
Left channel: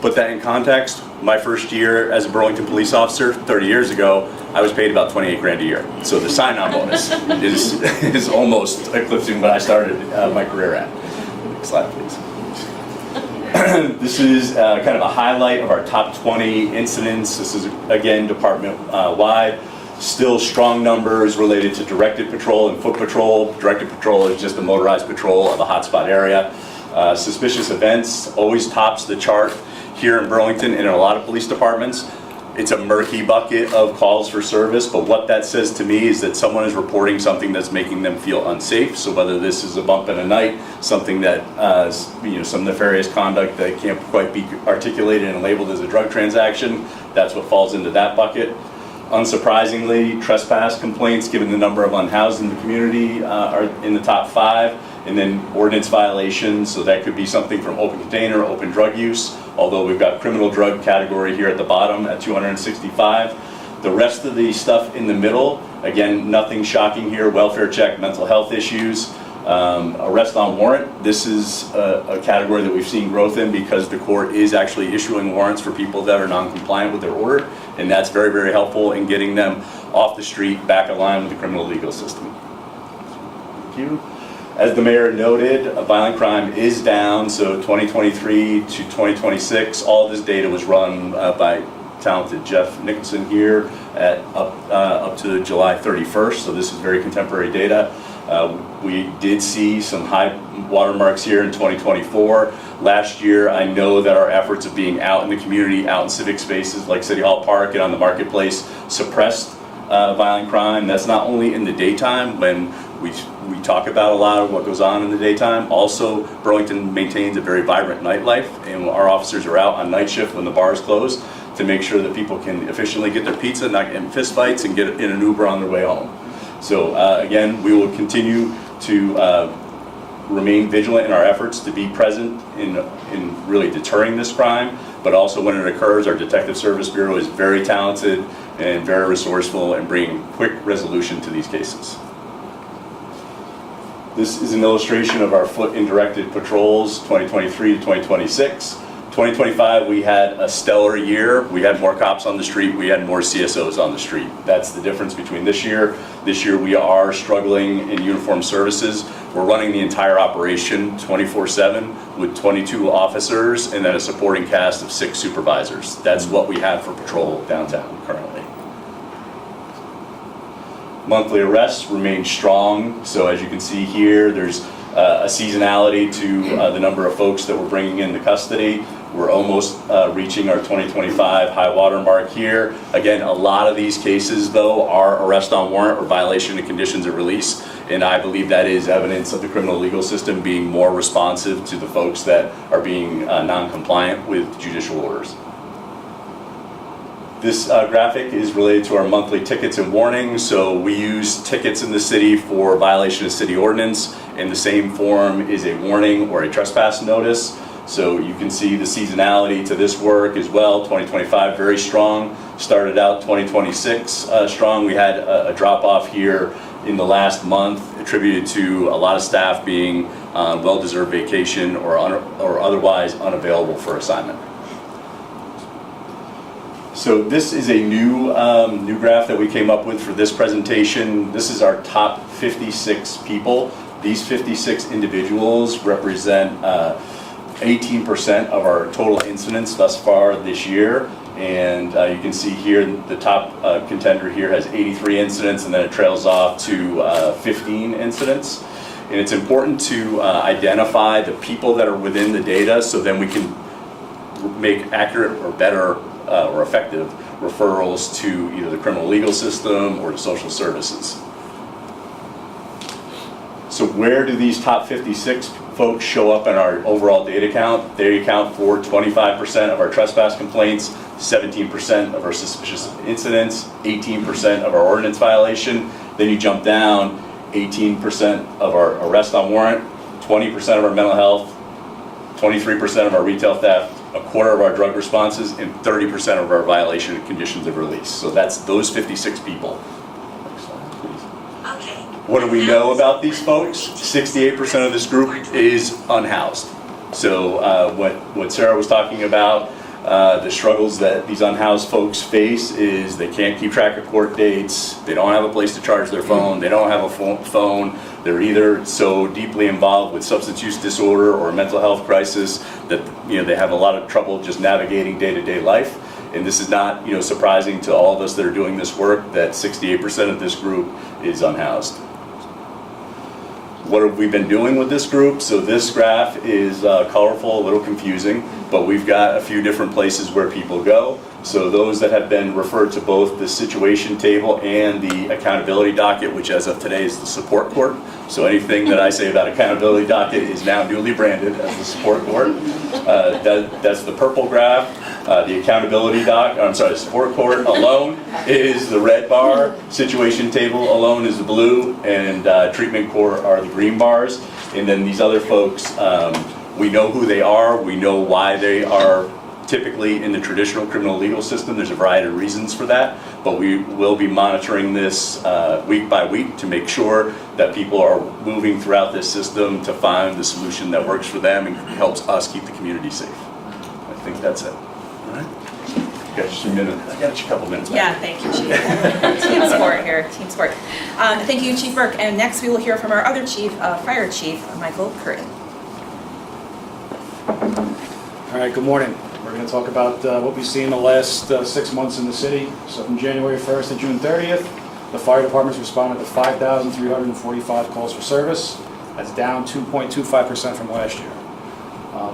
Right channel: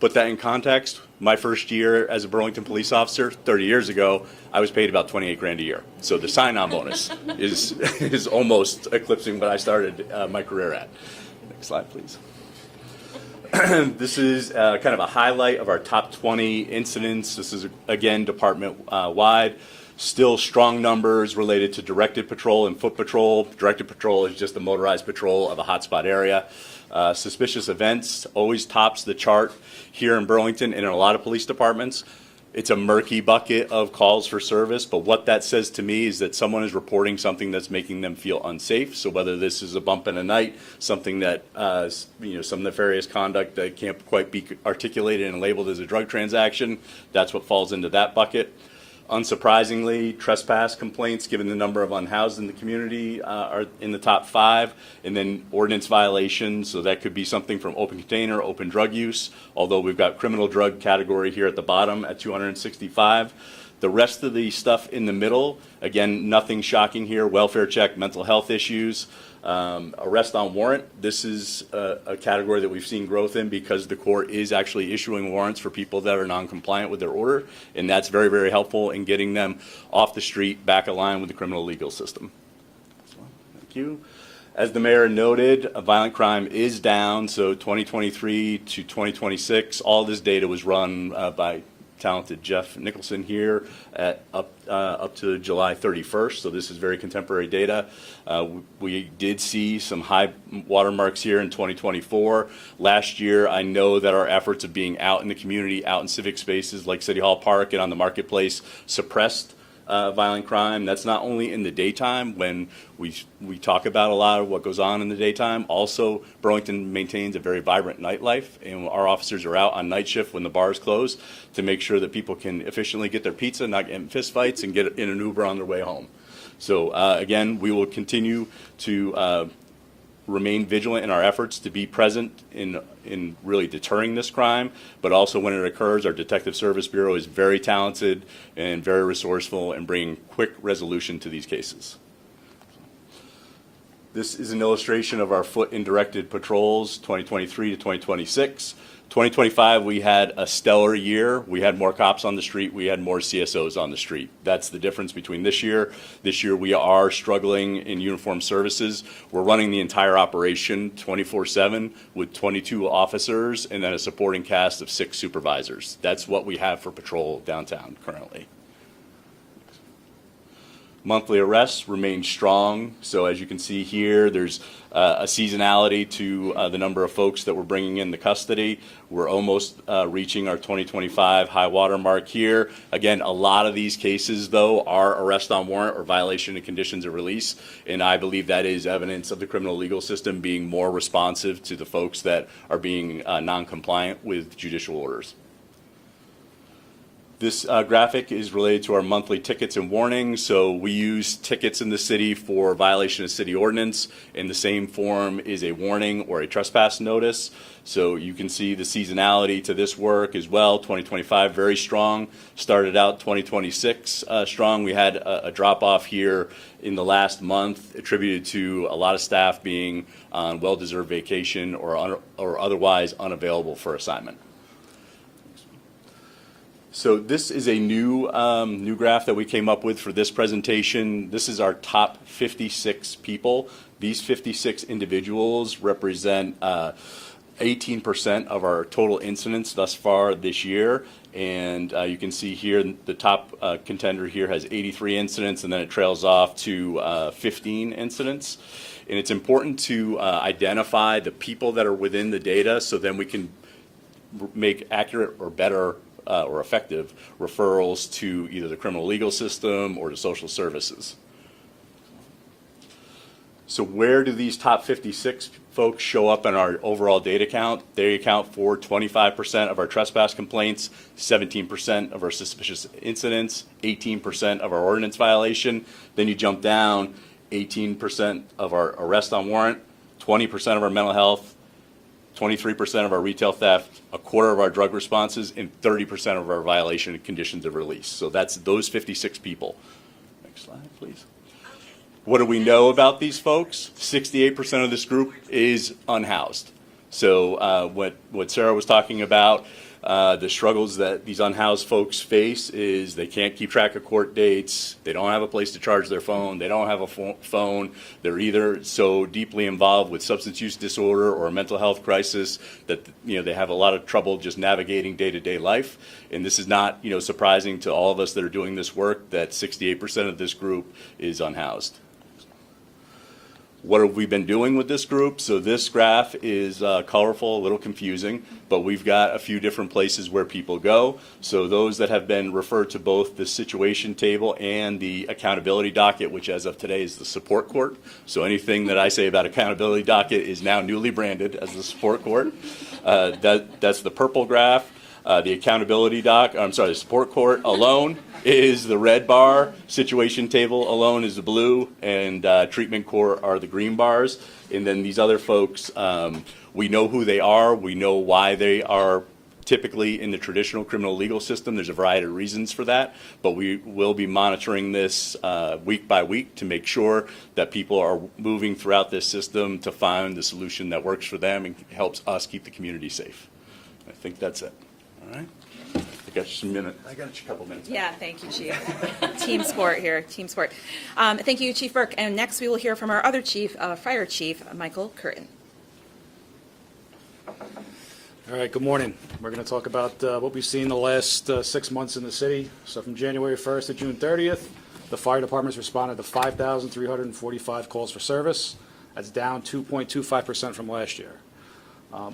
Put that in context, my first year as a Burlington police officer 30 years ago, I was paid about 28 grand a year. So the sign-on bonus is almost eclipsing what I started my career at. Next slide, please. This is kind of a highlight of our top 20 incidents. This is, again, department-wide. Still strong numbers related to directed patrol and foot patrol. Directed patrol is just a motorized patrol of a hotspot area. Suspicious events always tops the chart here in Burlington and in a lot of police departments. It's a murky bucket of calls for service, but what that says to me is that someone is reporting something that's making them feel unsafe. So whether this is a bump in the night, something that, some nefarious conduct that can't quite be articulated and labeled as a drug transaction, that's what falls into that bucket. Unsurprisingly, trespass complaints, given the number of unhoused in the community, are in the top 5. And then ordinance violations, so that could be something from open container, open drug use, although we've got criminal drug category here at the bottom at 265. The rest of the stuff in the middle, again, nothing shocking here. Welfare check, mental health issues, arrest on warrant. This is a category that we've seen growth in because the court is actually issuing warrants for people that are non-compliant with their order, and that's very, very helpful in getting them off the street, back in line with the criminal legal system. Thank you. As the mayor noted, violent crime is down, so 2023 to 2026, all this data was run by talented Jeff Nicholson here at up to July 31st, so this is very contemporary data. We did see some high watermarks here in 2024. Last year, I know that our efforts of being out in the community, out in civic spaces like City Hall Park and on the marketplace suppressed violent crime. That's not only in the daytime when we talk about a lot of what goes on in the daytime. Also, Burlington maintains a very vibrant nightlife, and our officers are out on night shift when the bars close to make sure that people can efficiently get their pizza, not get in fist fights, and get in an Uber on their way home. So again, we will continue to remain vigilant in our efforts to be present in really deterring this crime, but also when it occurs, our Detective Service Bureau is very talented and very resourceful in bringing quick resolution to these cases. This is an illustration of our foot and directed patrols 2023 to 2026. 2025, we had a stellar year. We had more cops on the street. We had more CSOs on the street. That's the difference between this year. This year, we are struggling in uniform services. We're running the entire operation 24/7 with 22 officers and then a supporting cast of 6 supervisors. That's what we have for patrol downtown currently. Monthly arrests remain strong. So as you can see here, there's a seasonality to the number of folks that we're bringing into custody. We're almost reaching our 2025 high water mark here. Again, a lot of these cases, though, are arrest on warrant or violation of conditions of release, and I believe that is evidence of the criminal legal system being more responsive to the folks that are being non-compliant with judicial orders. This graphic is related to our monthly tickets and warnings. So we use tickets in the city for violation of city ordinance. In the same form is a warning or a trespass notice. So you can see the seasonality to this work as well. 2025 very strong. Started out 2026 strong. We had a drop off here in the last month attributed to a lot of staff being on well-deserved vacation or otherwise unavailable for assignment. So this is a new graph that we came up with for this presentation. This is our top 56 people. These 56 individuals represent 18% of our total incidents thus far this year. And you can see here the top contender here has 83 incidents, and then it trails off to 15 incidents. And it's important to identify the people that are within the data so then we can make accurate or better or effective referrals to either the criminal legal system or to social services. So where do these top 56 folks show up in our overall data count? They account for 25% of our trespass complaints, 17% of our suspicious incidents, 18% of our ordinance violation. Then you jump down, 18% of our arrest on warrant, 20% of our mental health, 23% of our retail theft, a quarter of our drug responses, and 30% of our violation of conditions of release. So that's those 56 people. Next slide, please. What do we know about these folks? 68% of this group is unhoused. So what Sarah was talking about, the struggles that these unhoused folks face is they can't keep track of court dates, they don't have a place to charge their phone, they don't have a phone, they're either so deeply involved with substance use disorder or mental health crisis that they have a lot of trouble just navigating day-to-day life. And this is not surprising to all of us that are doing this work, that 68% of this group is unhoused. What have we been doing with this group? So this graph is colorful, a little confusing, but we've got a few different places where people go. So those that have been referred to both the situation table and the accountability docket, which as of today is the support court. So anything that I say about accountability docket is now newly branded as the support court. That's the purple graph. The accountability support court alone is the red bar, situation table alone is the blue, and treatment court are the green bars. And then these other folks, we know who they are, we know why they are typically in the traditional criminal legal system. There's a variety of reasons for that, but we will be monitoring this week by week to make sure that people are moving throughout this system to find the solution that works for them and helps us keep the community safe. I think that's it. All right. Got just a minute. I got a couple minutes. Yeah, thank you, Chief. Team sport here, team sport. Thank you, Chief Burke. And next we will hear from our other chief, Fire Chief Michael Curtin. All right, good morning. We're going to talk about what we've seen the last 6 months in the city. So from January 1st to June 30th, the fire departments responded to 5,345 calls for service. That's down 2.25% from last year.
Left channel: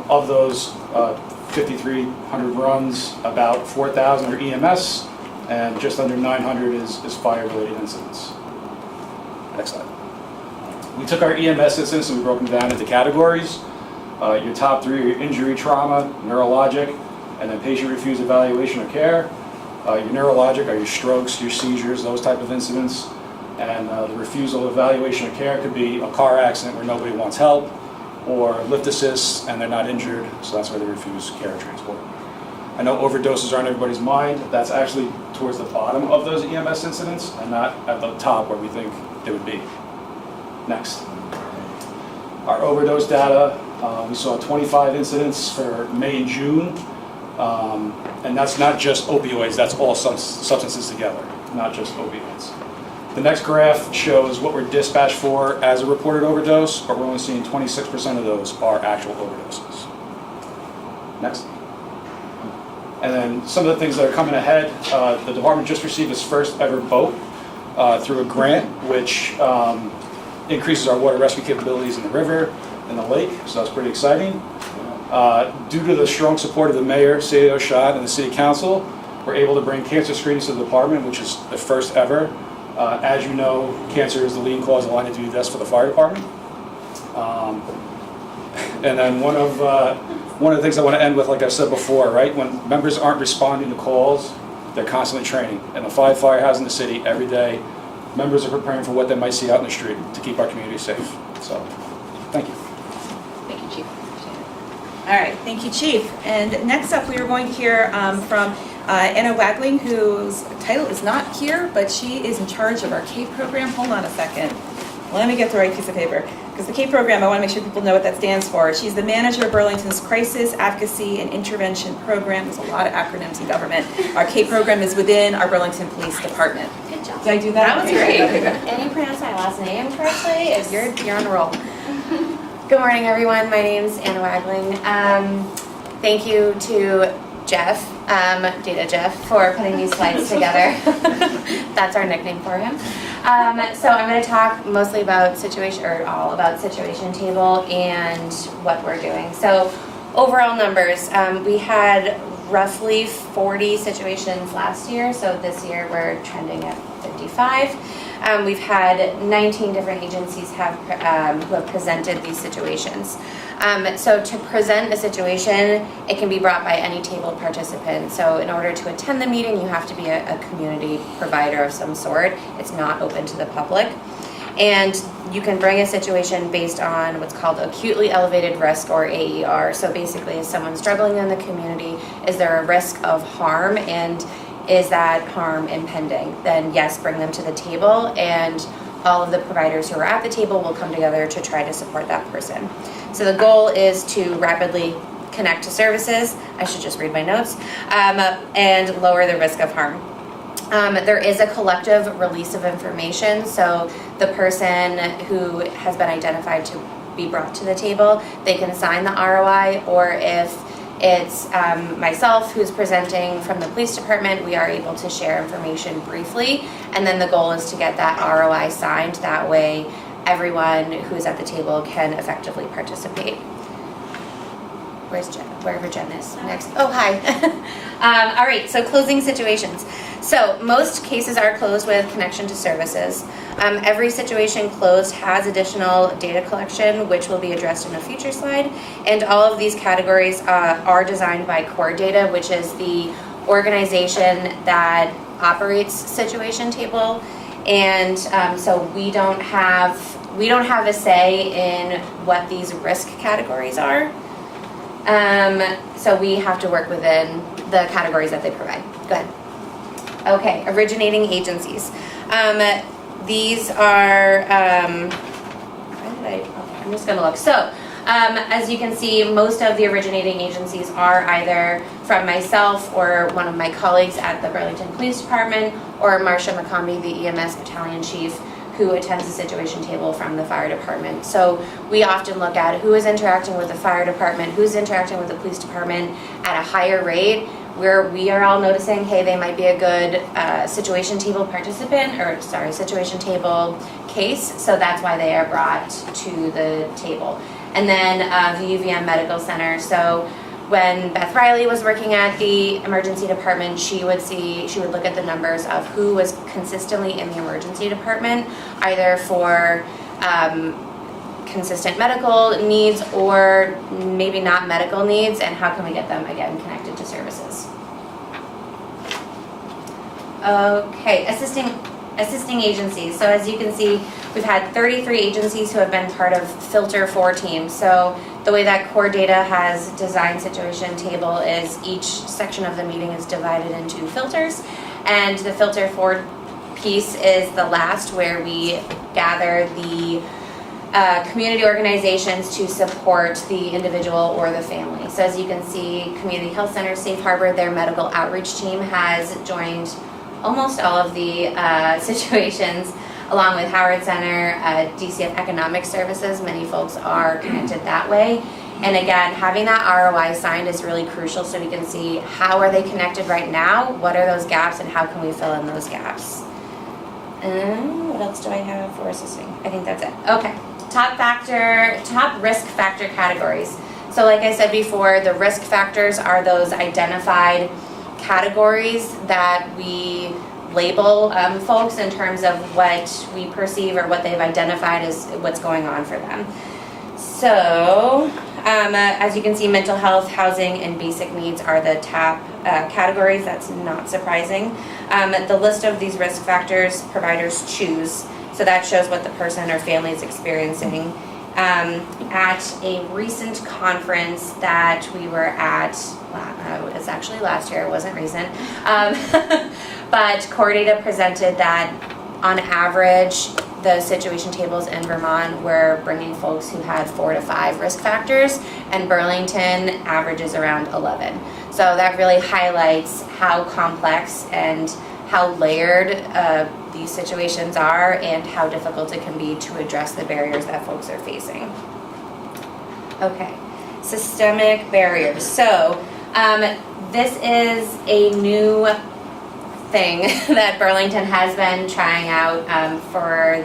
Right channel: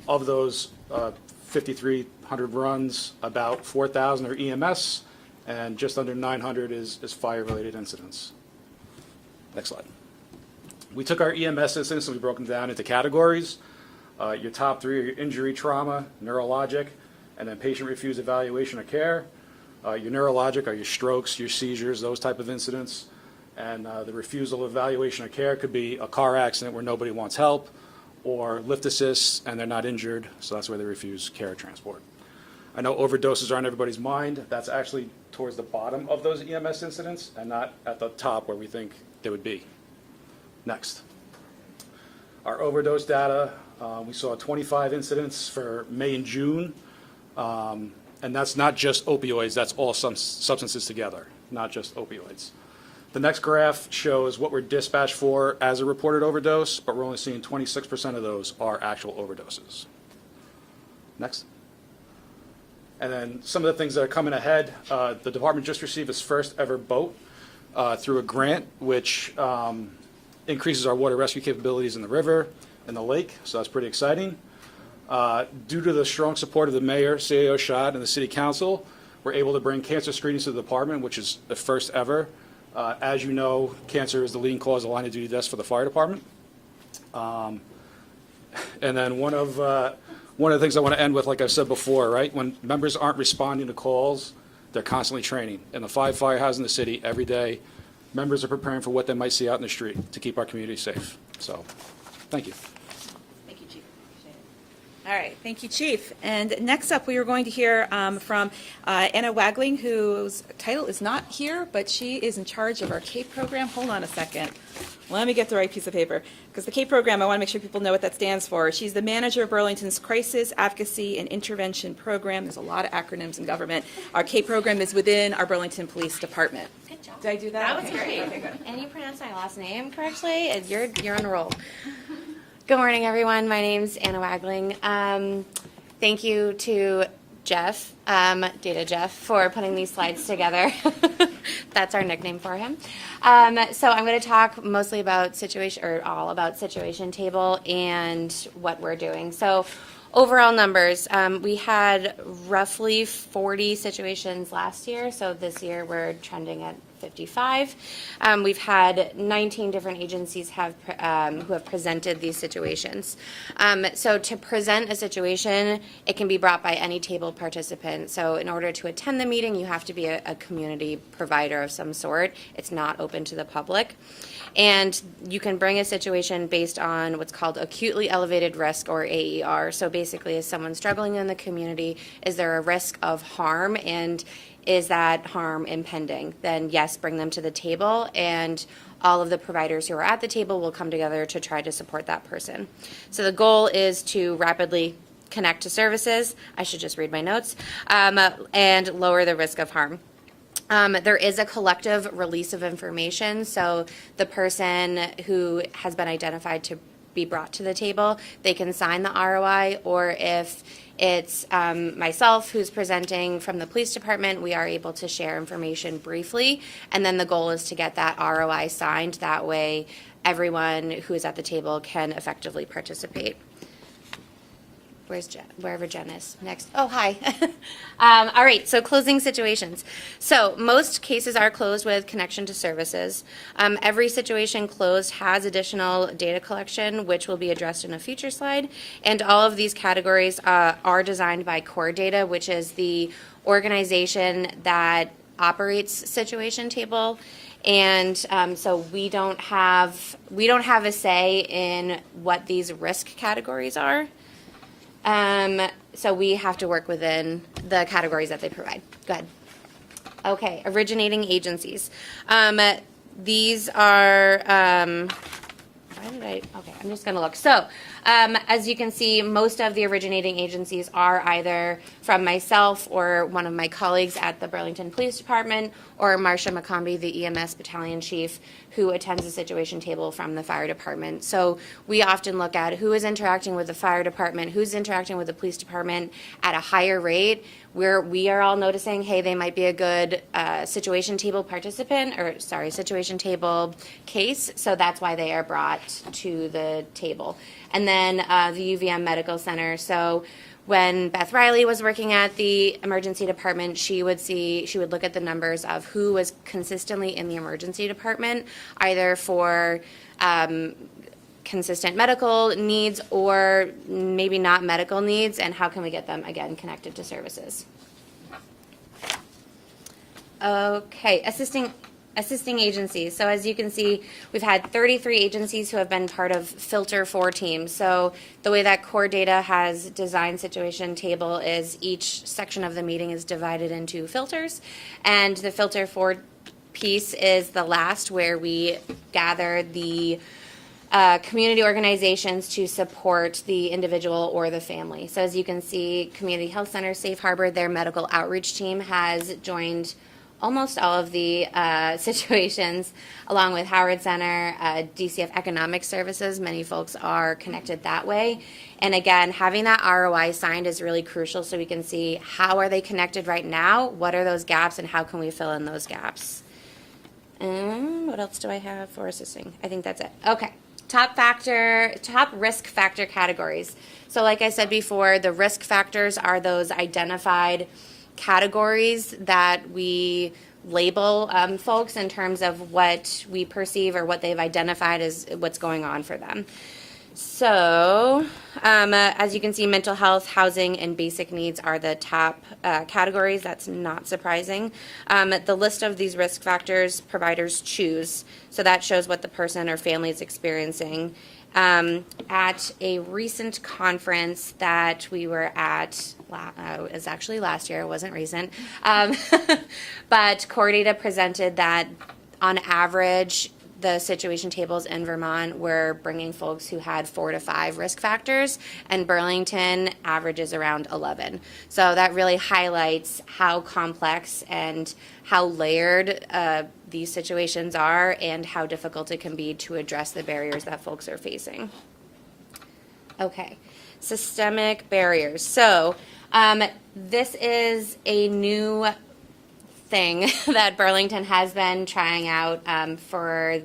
Of those 5,300 runs, about 4,000 are EMS, and just under 900 is fire-related incidents. Next slide. We took our EMS incidents and we broke them down into categories. Your top 3 are your injury, trauma, neurologic, and then patient refused evaluation or care. Your neurologic are your strokes, your seizures, those type of incidents. And the refusal of evaluation or care could be a car accident where nobody wants help, or lift assist and they're not injured, so that's why they refuse care or transport. I know overdoses are on everybody's mind. That's actually towards the bottom of those EMS incidents and not at the top where we think they would be. Next. Our overdose data We saw 25 incidents for May and June, and that's not just opioids, that's all substances together, not just opioids. The next graph shows what we're dispatched for as a reported overdose, but we're only seeing 26% of those are actual overdoses. Next. And then some of the things that are coming ahead, the department just received its first ever boat through a grant, which increases our water rescue capabilities in the river and the lake, so that's pretty exciting. Due to the strong support of the mayor, City of Oshad, and the city council, we're able to bring cancer screenings to the department, which is the first ever. As you know, cancer is the leading cause of line of duty deaths for the fire department. And then one of the things I want to end with, like I said before, right? When members aren't responding to calls, they're constantly training. And the fire has in the city every day, members are preparing for what they might see out in the street to keep our community safe. So, thank you. Thank you, Chief. All right, thank you, Chief. And next up, we are going to hear from Anna Wagling, whose title is not here, but she is in charge of our CAPE program. Hold on a second. Let me get the right piece of paper. Because the CAPE program, I want to make sure people know what that stands for. She's the manager of Burlington's Crisis, Advocacy, and Intervention Program. There's a lot of acronyms in government. Our CAPE program is within our Burlington Police Department. Good job. Did I do that? That was great. Okay, good. And you pronounced my last name correctly. You're on a roll. Good morning, everyone. My name's Anna Wagling. Thank you to Jeff, Data Jeff, for putting these slides together. That's our nickname for him. So I'm going to talk mostly about all about situation table and what we're doing. So overall numbers, we had roughly 40 situations last year. So this year we're trending at 55. We've had 19 different agencies who have presented these situations. So to present a situation, it can be brought by any table participant. So in order to attend the meeting, you have to be a community provider of some sort. It's not open to the public. And you can bring a situation based on what's called acutely elevated risk, or AER. So basically, is someone struggling in the community? Is there a risk of harm? And is that harm impending? Then yes, bring them to the table, and all of the providers who are at the table will come together to try to support that person. So the goal is to rapidly connect to services, I should just read my notes, and lower the risk of harm. There is a collective release of information, so the person who has been identified to be brought to the table, they can sign the ROI, or if it's myself who's presenting from the police department, we are able to share information briefly, and then the goal is to get that ROI signed. That way everyone who's at the table can effectively participate. Wherever Jen is next. Oh, hi. All right, so closing situations. So most cases are closed with connection to services. Every situation closed has additional data collection, which will be addressed in a future slide. And all of these categories are designed by Core Data, which is the organization that operates Situation Table. And so we don't have a say in what these risk categories are. So we have to work within the categories that they provide. Go ahead. Okay, originating agencies. These are, I'm just gonna look. So, as you can see, most of the originating agencies are either from myself or one of my colleagues at the Burlington Police Department, or Marcia McCombie, the EMS Battalion Chief, who attends the situation table from the fire department. So we often look at who is interacting with the fire department, who's interacting with the police department at a higher rate, where we are all noticing, hey, they might be a good situation table participant, or sorry, situation table case, so that's why they are brought to the table. And then the UVM Medical Center, so when Beth Riley was working at the emergency department, she would look at the numbers of who was consistently in the emergency department, either for consistent medical needs or maybe not medical needs, and how can we get them, again, connected to services. Okay, assisting agencies. So as you can see, we've had 33 agencies who have been part of Filter 4 teams. So the way that Core Data has designed Situation Table is each section of the meeting is divided into filters, and the Filter 4 piece is the last, where we gather the community organizations to support the individual or the family. So as you can see, Community Health Center, Safe Harbor, their medical outreach team has joined almost all of the situations, along with Howard Center, DCF Economic Services. Many folks are connected that way. And again, having that ROI signed is really crucial so we can see how are they connected right now, what are those gaps, and how can we fill in those gaps. What else do I have for assisting? I think that's it. Okay, top risk factor categories. So like I said before, the risk factors are those identified categories that we label folks in terms of what we perceive or what they've identified as what's going on for them. So, as you can see, mental health, housing, and basic needs are the top categories. That's not surprising. The list of these risk factors providers choose, so that shows what the person or family is experiencing. At a recent conference that we were at, it was actually last year, it wasn't recent, but Core Data presented that on average, the situation tables in Vermont were bringing folks who had 4 to 5 risk factors, and Burlington averages around 11. So that really highlights how complex and how layered these situations are and how difficult it can be to address the barriers that folks are facing. Okay, systemic barriers. So this is a new thing that Burlington has been trying out for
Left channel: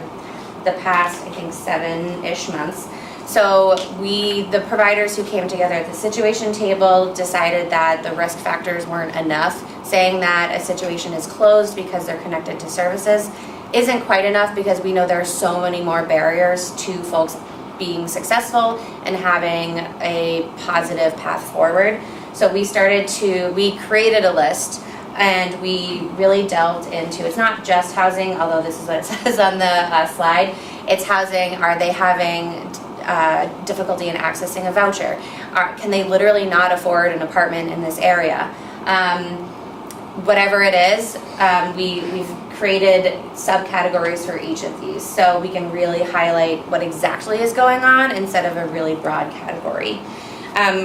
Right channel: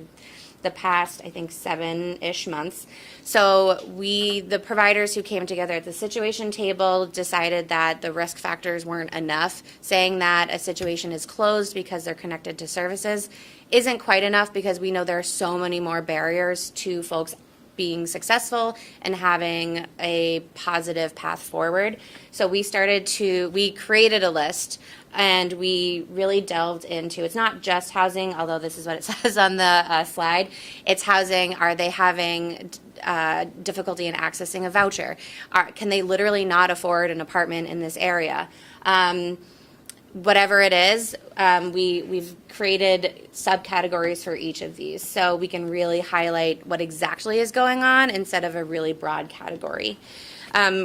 the past, I think, 7-ish months. So the providers who came together at the situation table decided that the risk factors weren't enough. Saying that a situation is closed because they're connected to services isn't quite enough, because we know there are so many more barriers to folks being successful and having a positive path forward. So we created a list, and we really delved into, it's not just housing, although this is what it says on the slide. It's housing. Are they having difficulty in accessing a voucher? Can they literally not afford an apartment in this area? Whatever it is, we've created subcategories for each of these, so we can really highlight what exactly is going on instead of a really broad category.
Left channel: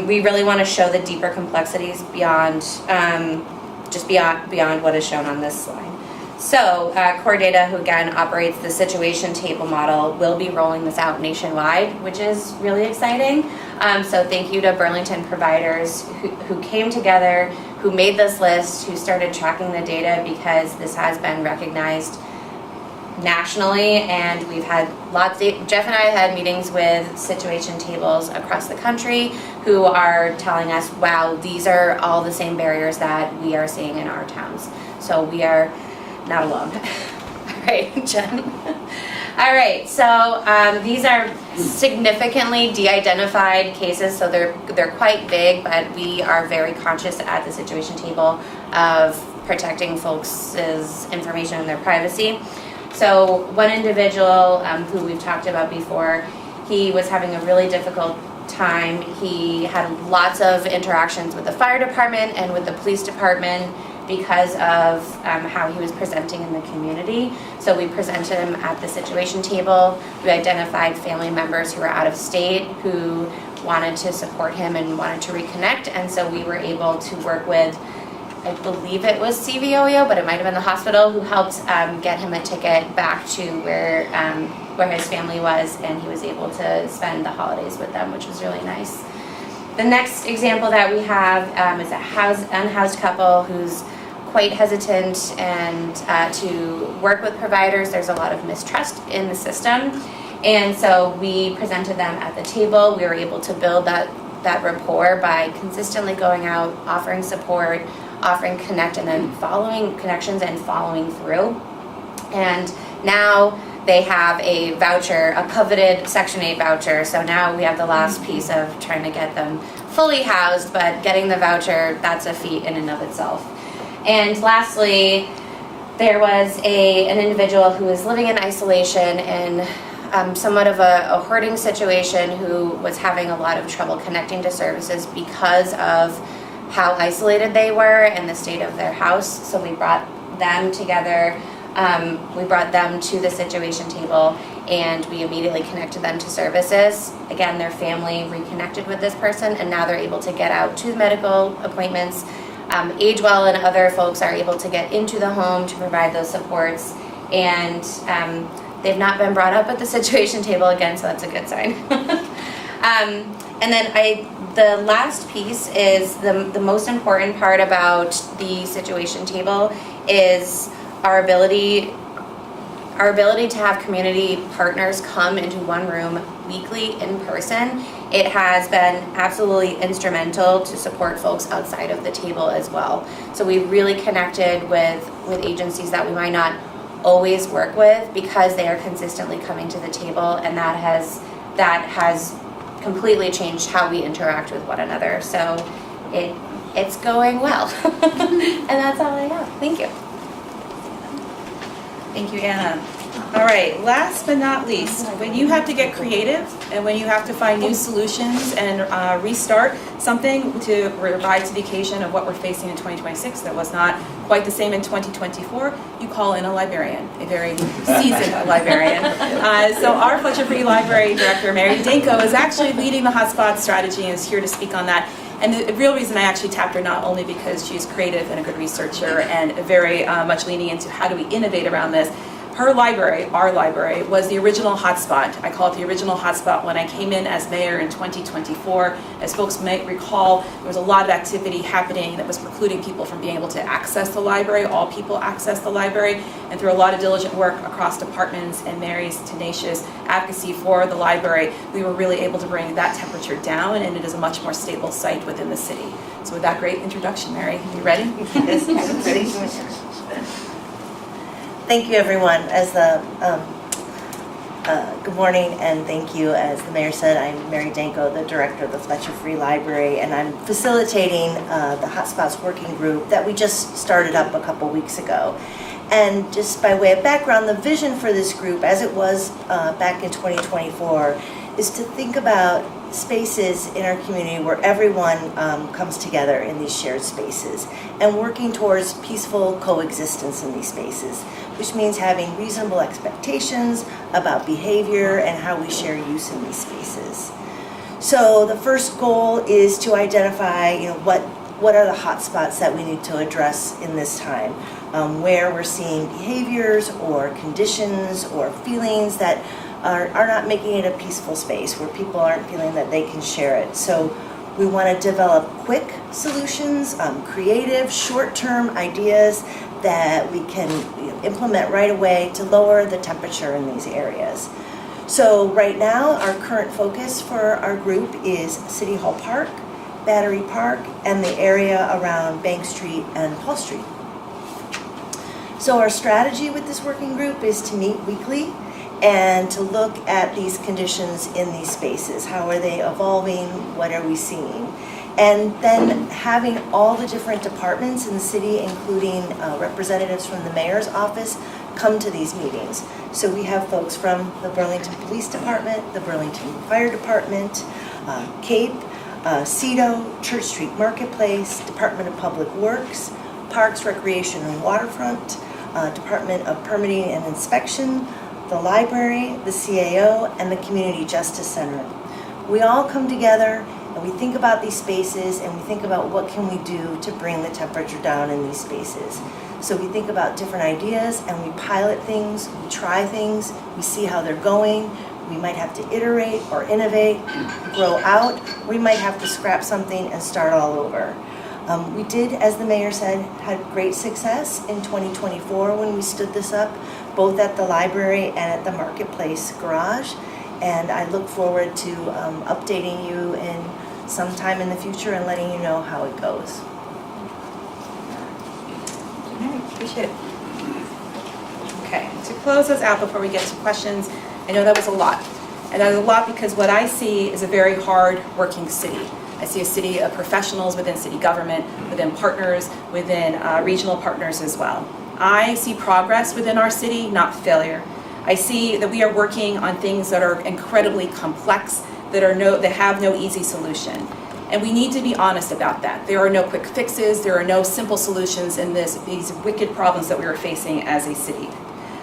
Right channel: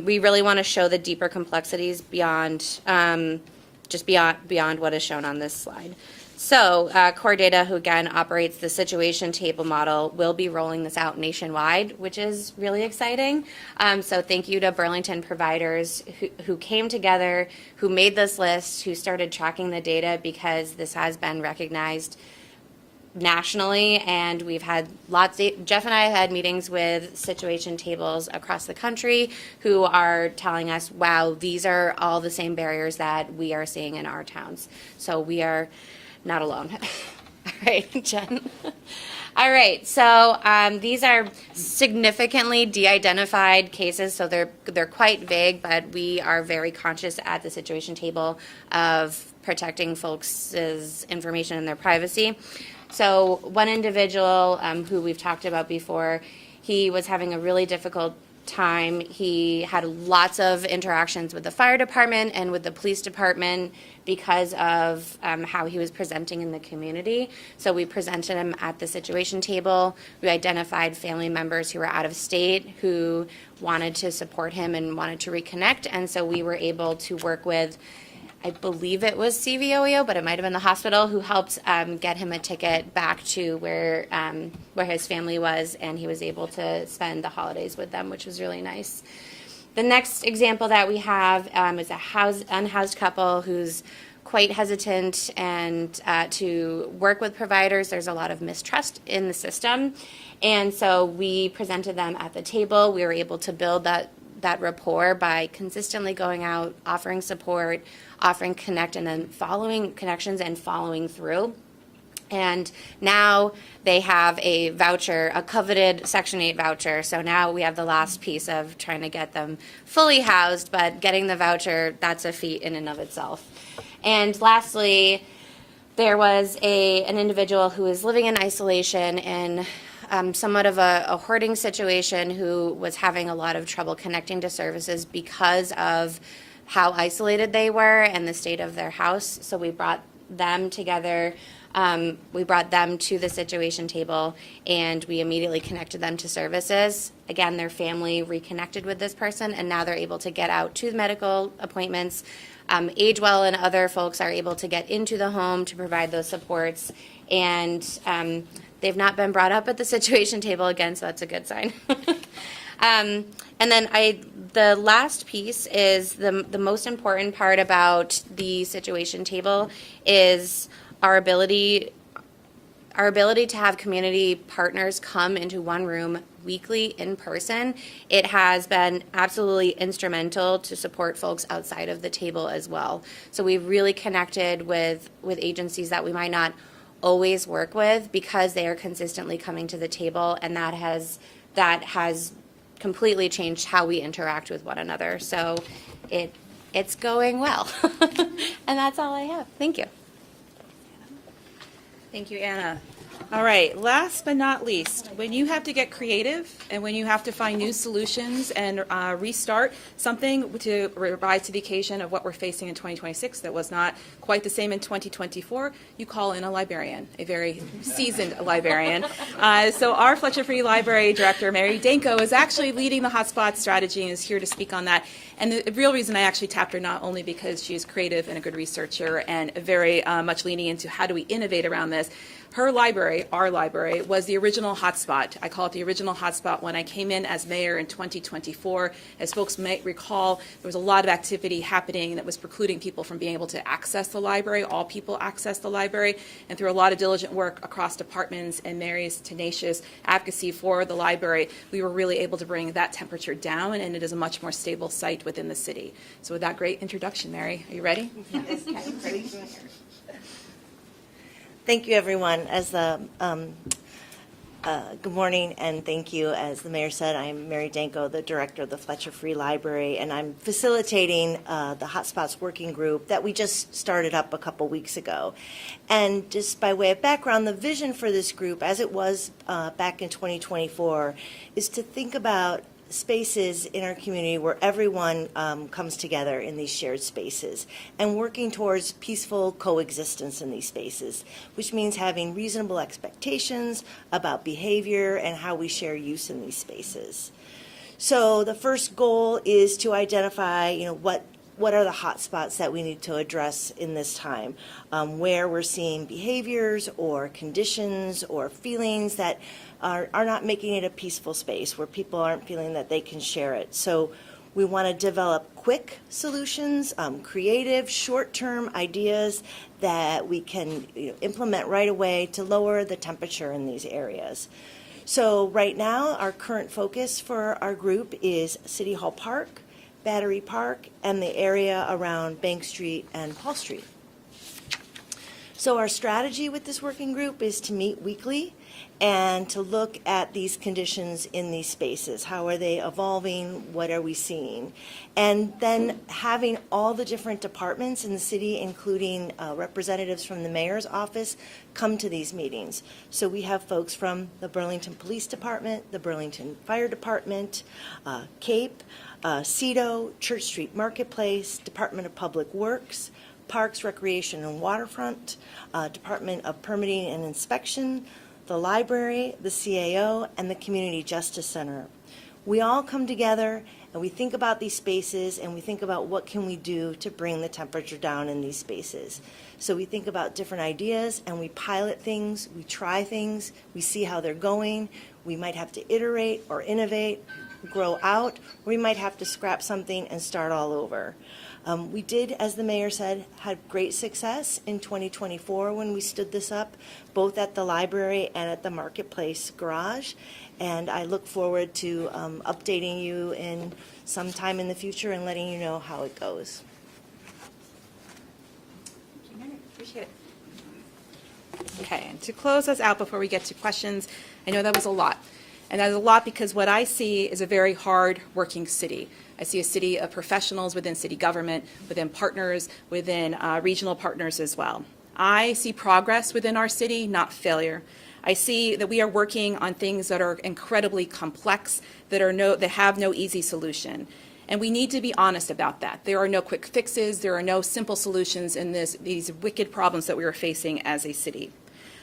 We really want to show the deeper complexities beyond what is shown on this slide. So Core Data, who again operates the situation table model, will be rolling this out nationwide, which is really exciting. So thank you to Burlington providers who came together, who made this list, who started tracking the data, because this has been recognized nationally, and we've had Jeff and I had meetings with situation tables across the country who are telling us, wow, these are all the same barriers that we are seeing in our towns. So we are not alone. All right, Jen. All right, so these are significantly de-identified cases, so they're quite big, but we are very conscious at the situation table of protecting folks' information and their privacy. So one individual who we've talked about before, he was having a really difficult time. He had lots of interactions with the fire department and with the police department because of how he was presenting in the community. So we presented him at the situation table. We identified family members who were out of state who wanted to support him and wanted to reconnect, and so we were able to work with, I believe it was CVOEO, but it might have been the hospital, who helped get him a ticket back to where his family was, and he was able to spend the holidays with them, which was really nice. The next example that we have is a unhoused couple who's quite hesitant and to work with providers. There's a lot of mistrust in the system, and so we presented them at the table. We were able to build that rapport by consistently going out, offering support, offering connections and following through. And now they have a voucher, a coveted Section 8 voucher. So now we have the last piece of trying to get them fully housed, but getting the voucher, that's a feat in and of itself. And lastly, there was an individual who was living in isolation in somewhat of a hoarding situation, who was having a lot of trouble connecting to services because of how isolated they were and the state of their house. So we brought them together We brought them to the situation table and we immediately connected them to services. Again, their family reconnected with this person and now they're able to get out to medical appointments. AgeWell and other folks are able to get into the home to provide those supports. And they've not been brought up at the situation table again, so that's a good sign. And then the last piece is the most important part about the situation table is our ability to have community partners come into one room weekly in person. It has been absolutely instrumental to support folks outside of the table as well. So we really connected with agencies that we might not always work with because they are consistently coming to the table, and that has completely changed how we interact with one another. So it's going well. And that's all I have. Thank you. Thank you, Anna. All right, last but not least, when you have to get creative and when you have to find new solutions and restart something to rise to the occasion of what we're facing in 2026 that was not quite the same in 2024, you call in a librarian, a very seasoned librarian. So our Fletcher Free Library Director, Mary Danko, is actually leading the hotspot strategy and is here to speak on that. And the real reason I actually tapped her, not only because she's creative and a good researcher and very much leaning into how do we innovate around this. Her library, our library, was the original hotspot. I call it the original hotspot when I came in as mayor in 2024. As folks might recall, there was a lot of activity happening that was precluding people from being able to access the library. All people access the library. And through a lot of diligent work across departments and Mary's tenacious advocacy for the library, we were really able to bring that temperature down, and it is a much more stable site within the city. So with that great introduction, Mary, you ready? Yes, I'm ready. Thank you, everyone. Good morning, and thank you. As the mayor said, I'm Mary Danko, the director of the Fletcher Free Library, and I'm facilitating the Hotspots Working Group that we just started up a couple weeks ago. And just by way of background, the vision for this group, as it was back in 2024, is to think about spaces in our community where everyone comes together in these shared spaces and working towards peaceful coexistence in these spaces, which means having reasonable expectations about behavior and how we share use in these spaces. So the first goal is to identify, what are the hot spots that we need to address in this time, where we're seeing behaviors or conditions or feelings that are not making it a peaceful space, where people aren't feeling that they can share it. So we want to develop quick solutions, creative, short-term ideas that we can implement right away to lower the temperature in these areas. So right now, our current focus for our group is City Hall Park, Battery Park, and the area around Bank Street and Hall Street. So our strategy with this working group is to meet weekly and to look at these conditions in these spaces. How are they evolving? What are we seeing? And then having all the different departments in the city, including representatives from the mayor's office, come to these meetings. So we have folks from the Burlington Police Department, the Burlington Fire Department, CAPE, CEDO, Church Street Marketplace, Department of Public Works, Parks, Recreation and Waterfront, Department of Permitting and Inspection, the library, the CAO, and the Community Justice Center. We all come together and we think about these spaces and we think about what can we do to bring the temperature down in these spaces. So we think about different ideas and we pilot things, we try things, we see how they're going. We might have to iterate or innovate, grow out. We might have to scrap something and start all over. We did, as the mayor said, had great success in 2024 when we stood this up, both at the library and at the Marketplace Garage. And I look forward to updating you in some time in the future and letting you know how it goes. All right, appreciate it. Okay, to close us out before we get to questions, I know that was a lot. And that was a lot because what I see is a very hard working city. I see a city of professionals within city government, within partners, within regional partners as well. I see progress within our city, not failure. I see that we are working on things that are incredibly complex, that have no easy solution. And we need to be honest about that. There are no quick fixes, there are no simple solutions in these wicked problems that we are facing as a city.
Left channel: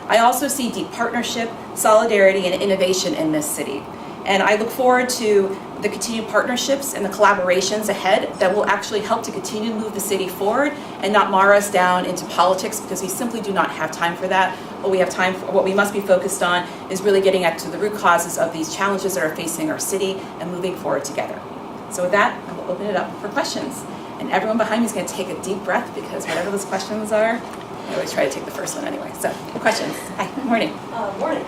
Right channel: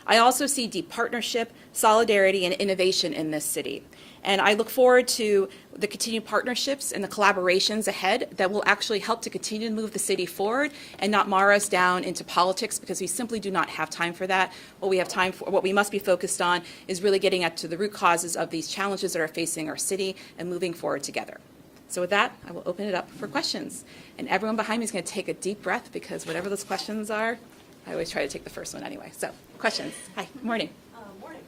I also see deep partnership, solidarity, and innovation in this city. And I look forward to the continued partnerships and the collaborations ahead that will actually help to continue to move the city forward and not mar us down into politics, because we simply do not have time for that. What we must be focused on is really getting at to the root causes of these challenges that are facing our city and moving forward together. So with that, I will open it up for questions. And everyone behind me is going to take a deep breath, because whatever those questions are, I always try to take the first one anyway. So, questions? Hi, good morning. Morning.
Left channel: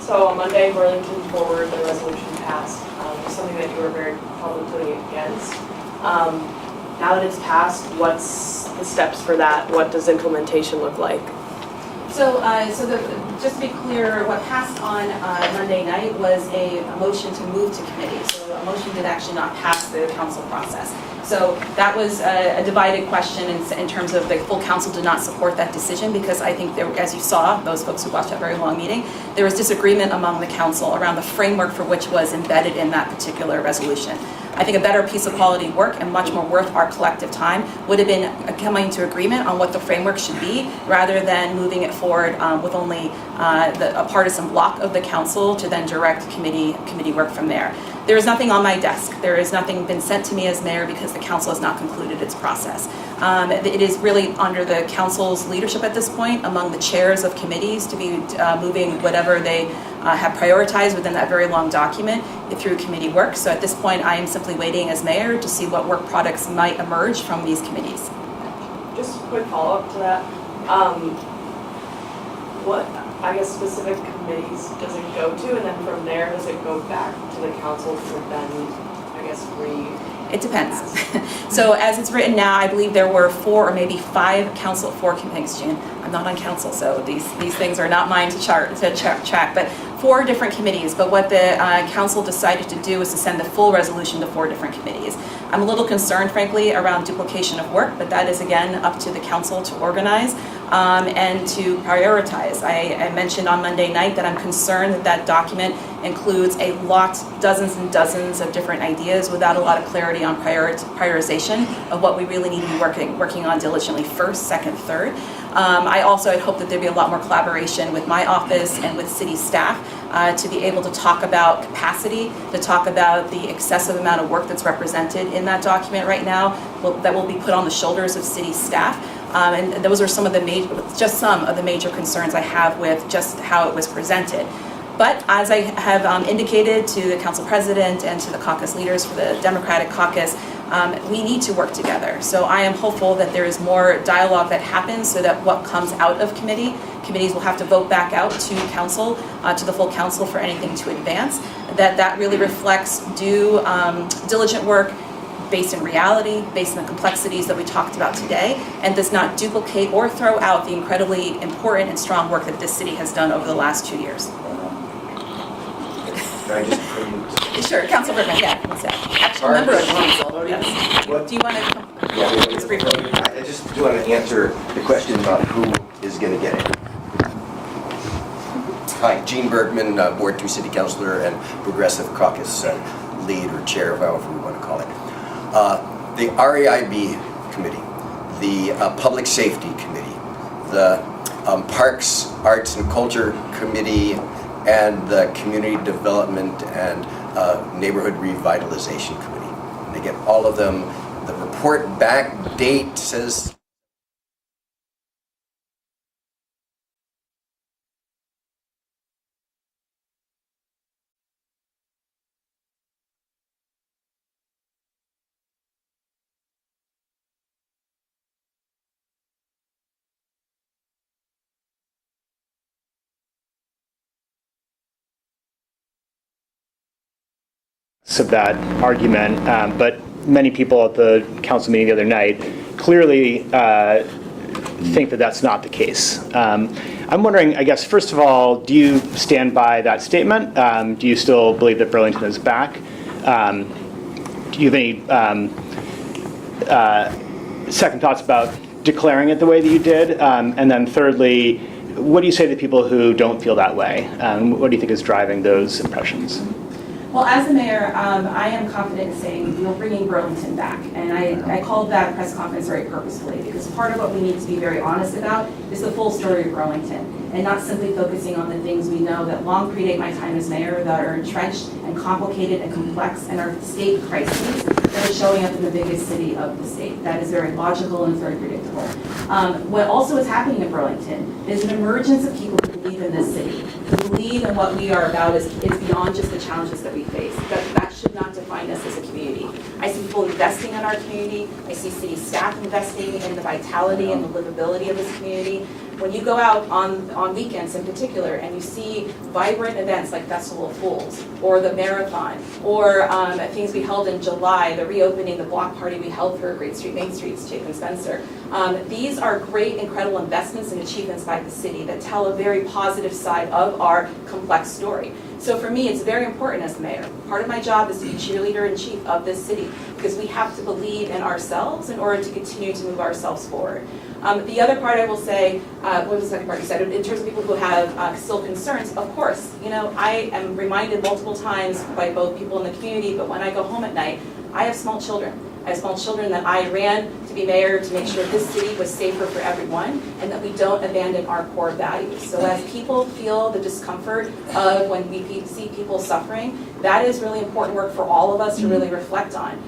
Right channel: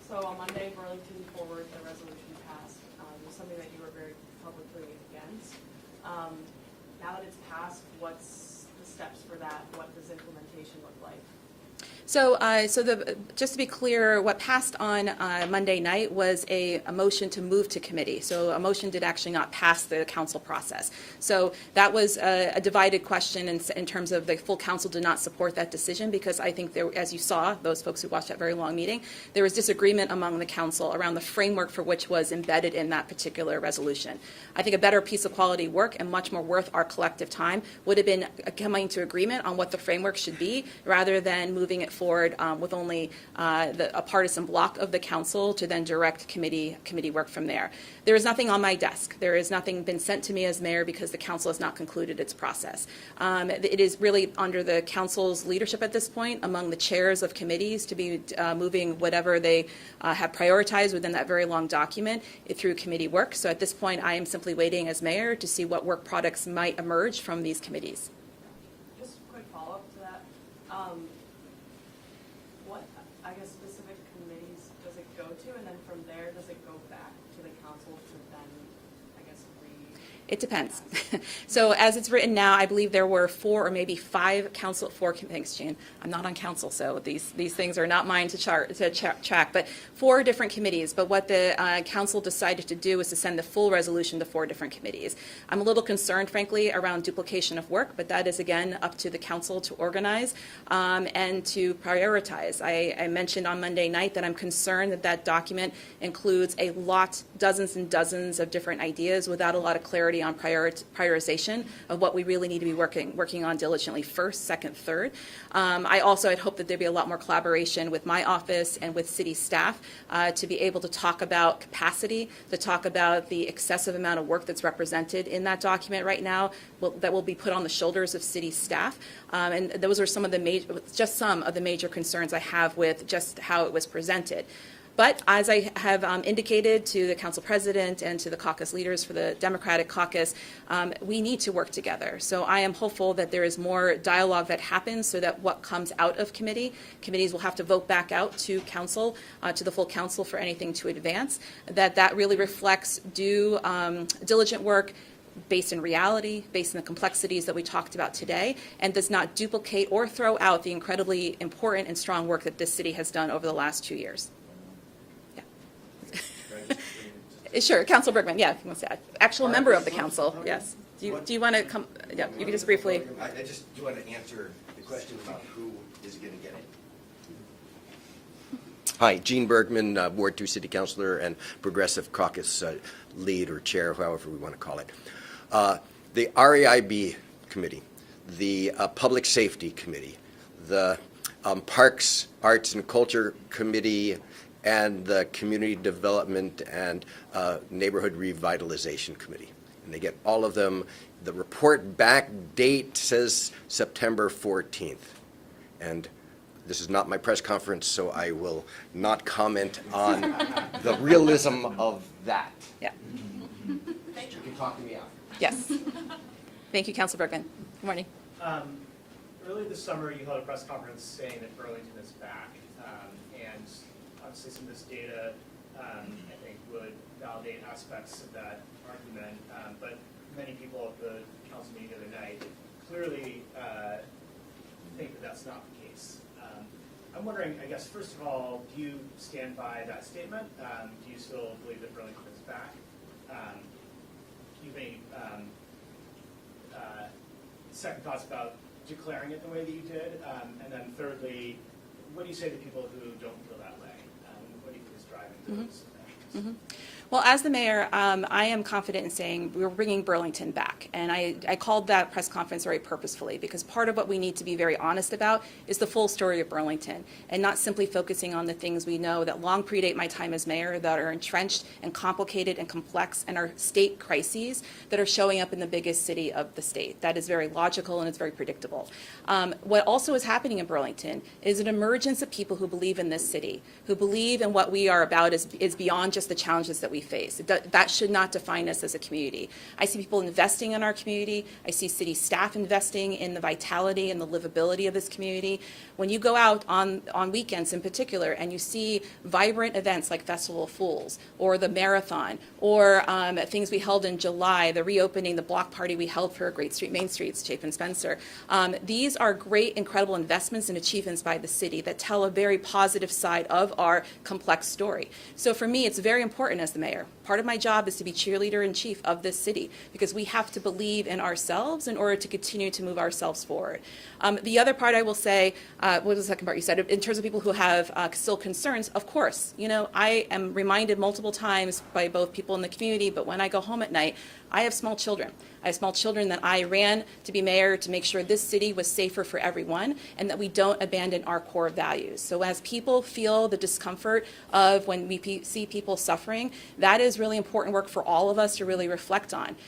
So on Monday, Burlington forward, the resolution passed. It was something that you were very publicly against. Now that it's passed, what's the steps for that? What does implementation look like? So, just to be clear, what passed on Monday night was a motion to move to committee. So a motion did actually not pass the council process. So that was a divided question in terms of the full council did not support that decision, because I think there, as you saw, those folks who watched that very long meeting, there was disagreement among the council around the framework for which was embedded in that particular resolution. I think a better piece of quality work and much more worth our collective time would have been coming to agreement on what the framework should be, rather than moving it forward with only a partisan block of the council to then direct committee work from there. There is nothing on my desk. There is nothing been sent to me as mayor, because the council has not concluded its process. It is really under the council's leadership at this point, among the chairs of committees, to be moving whatever they have prioritized within that very long document through committee work. So at this point, I am simply waiting as mayor to see what work products might emerge from these committees. Just a quick follow-up to that. What, I guess, specific committees does it go to, and then from there, does it go back to the council to then, I guess, It depends. So as it's written now, I believe there were 4 or maybe 5 council, 4 committees, June. I'm not on council, so these things are not mine to track, but 4 different committees. But what the council decided to do was to send the full resolution to 4 different committees. I'm a little concerned, frankly, around duplication of work, but that is, again, up to the council to organize and to prioritize. I mentioned on Monday night that I'm concerned that that document includes dozens and dozens of different ideas without a lot of clarity on prioritization of what we really need to be working on diligently first, second, third. I also had hoped that there'd be a lot more collaboration with my office and with city staff to be able to talk about capacity, to talk about the excessive amount of work that's represented in that document right now that will be put on the shoulders of city staff. And those are some of the major concerns I have with just how it was presented. But as I have indicated to the council president and to the caucus leaders for the Democratic caucus, we need to work together. So I am hopeful that there is more dialogue that happens, so that what comes out of committees will have to vote back out to council, to the full council for anything to advance, that really reflects diligent work based in reality, based on the complexities that we talked about today, and does not duplicate or throw out the incredibly important and strong work that this city has done over the last 2 years. Can I just preempt? Sure, Council Bergman, yeah, he's actually a member of the council, yes. Do you want to come, just briefly? I just do want to answer the question about who is going to get it. Hi, Gene Bergman, Ward 2 City Councilor and Progressive Caucus lead or chair, however we want to call it. The REIB Committee, the Public Safety Committee, the Parks, Arts and Culture Committee, and the Community Development and Neighborhood Revitalization Committee. And they get all of them. The report back date says September 14th. And this is not my press conference, so I will not comment on the realism of that. Yeah. You can talk to me after. Yes. Thank you, Council Bergman. Good morning. Earlier this summer, you held a press conference saying that Burlington is back, and obviously some of this data, I think, would validate aspects of that argument, but many people at the council meeting the other night clearly think that that's not the case. I'm wondering, I guess, first of all, do you stand by that statement? Do you still believe that Burlington is back? Do you have any second thoughts about declaring it the way that you did? And then thirdly, what do you say to people who don't feel that way? What do you think is driving those impressions? Well, Well, as the mayor, I am confident in saying we're bringing Burlington back. And I called that press conference very purposefully because part of what we need to be very honest about is the full story of Burlington and not simply focusing on the things we know that long predate my time as mayor that are entrenched and complicated and complex and are state crises that are showing up in the biggest city of the state. That is very logical and it's very predictable. What also is happening in Burlington is an emergence of people who believe in this city, who believe in what we are about is beyond just the challenges that we face. That should not define us as a community. I see people investing in our community. I see city staff investing in the vitality and the livability of this community. When you go out on weekends in particular and you see vibrant events like Festival of Fools or the Marathon or things we held in July, the reopening, the block party we held for Great Street, Main Street's Chapin Spencer, these are great, incredible investments and achievements by the city that tell a very positive side of our complex story. So for me, it's very important as the mayor. Part of my job is to be cheerleader-in-chief of this city because we have to believe in ourselves in order to continue to move ourselves forward. The other part I will say, what was the second part you said? In terms of people who have still concerns, of course, I am reminded multiple times by both people in the community, but when I go home at night, I have small children. I have small children that I ran to be mayor to make sure this city was safer for everyone and that we don't abandon our core values. So as people feel the discomfort of when we see people suffering, that is really important work for all of us to really reflect on.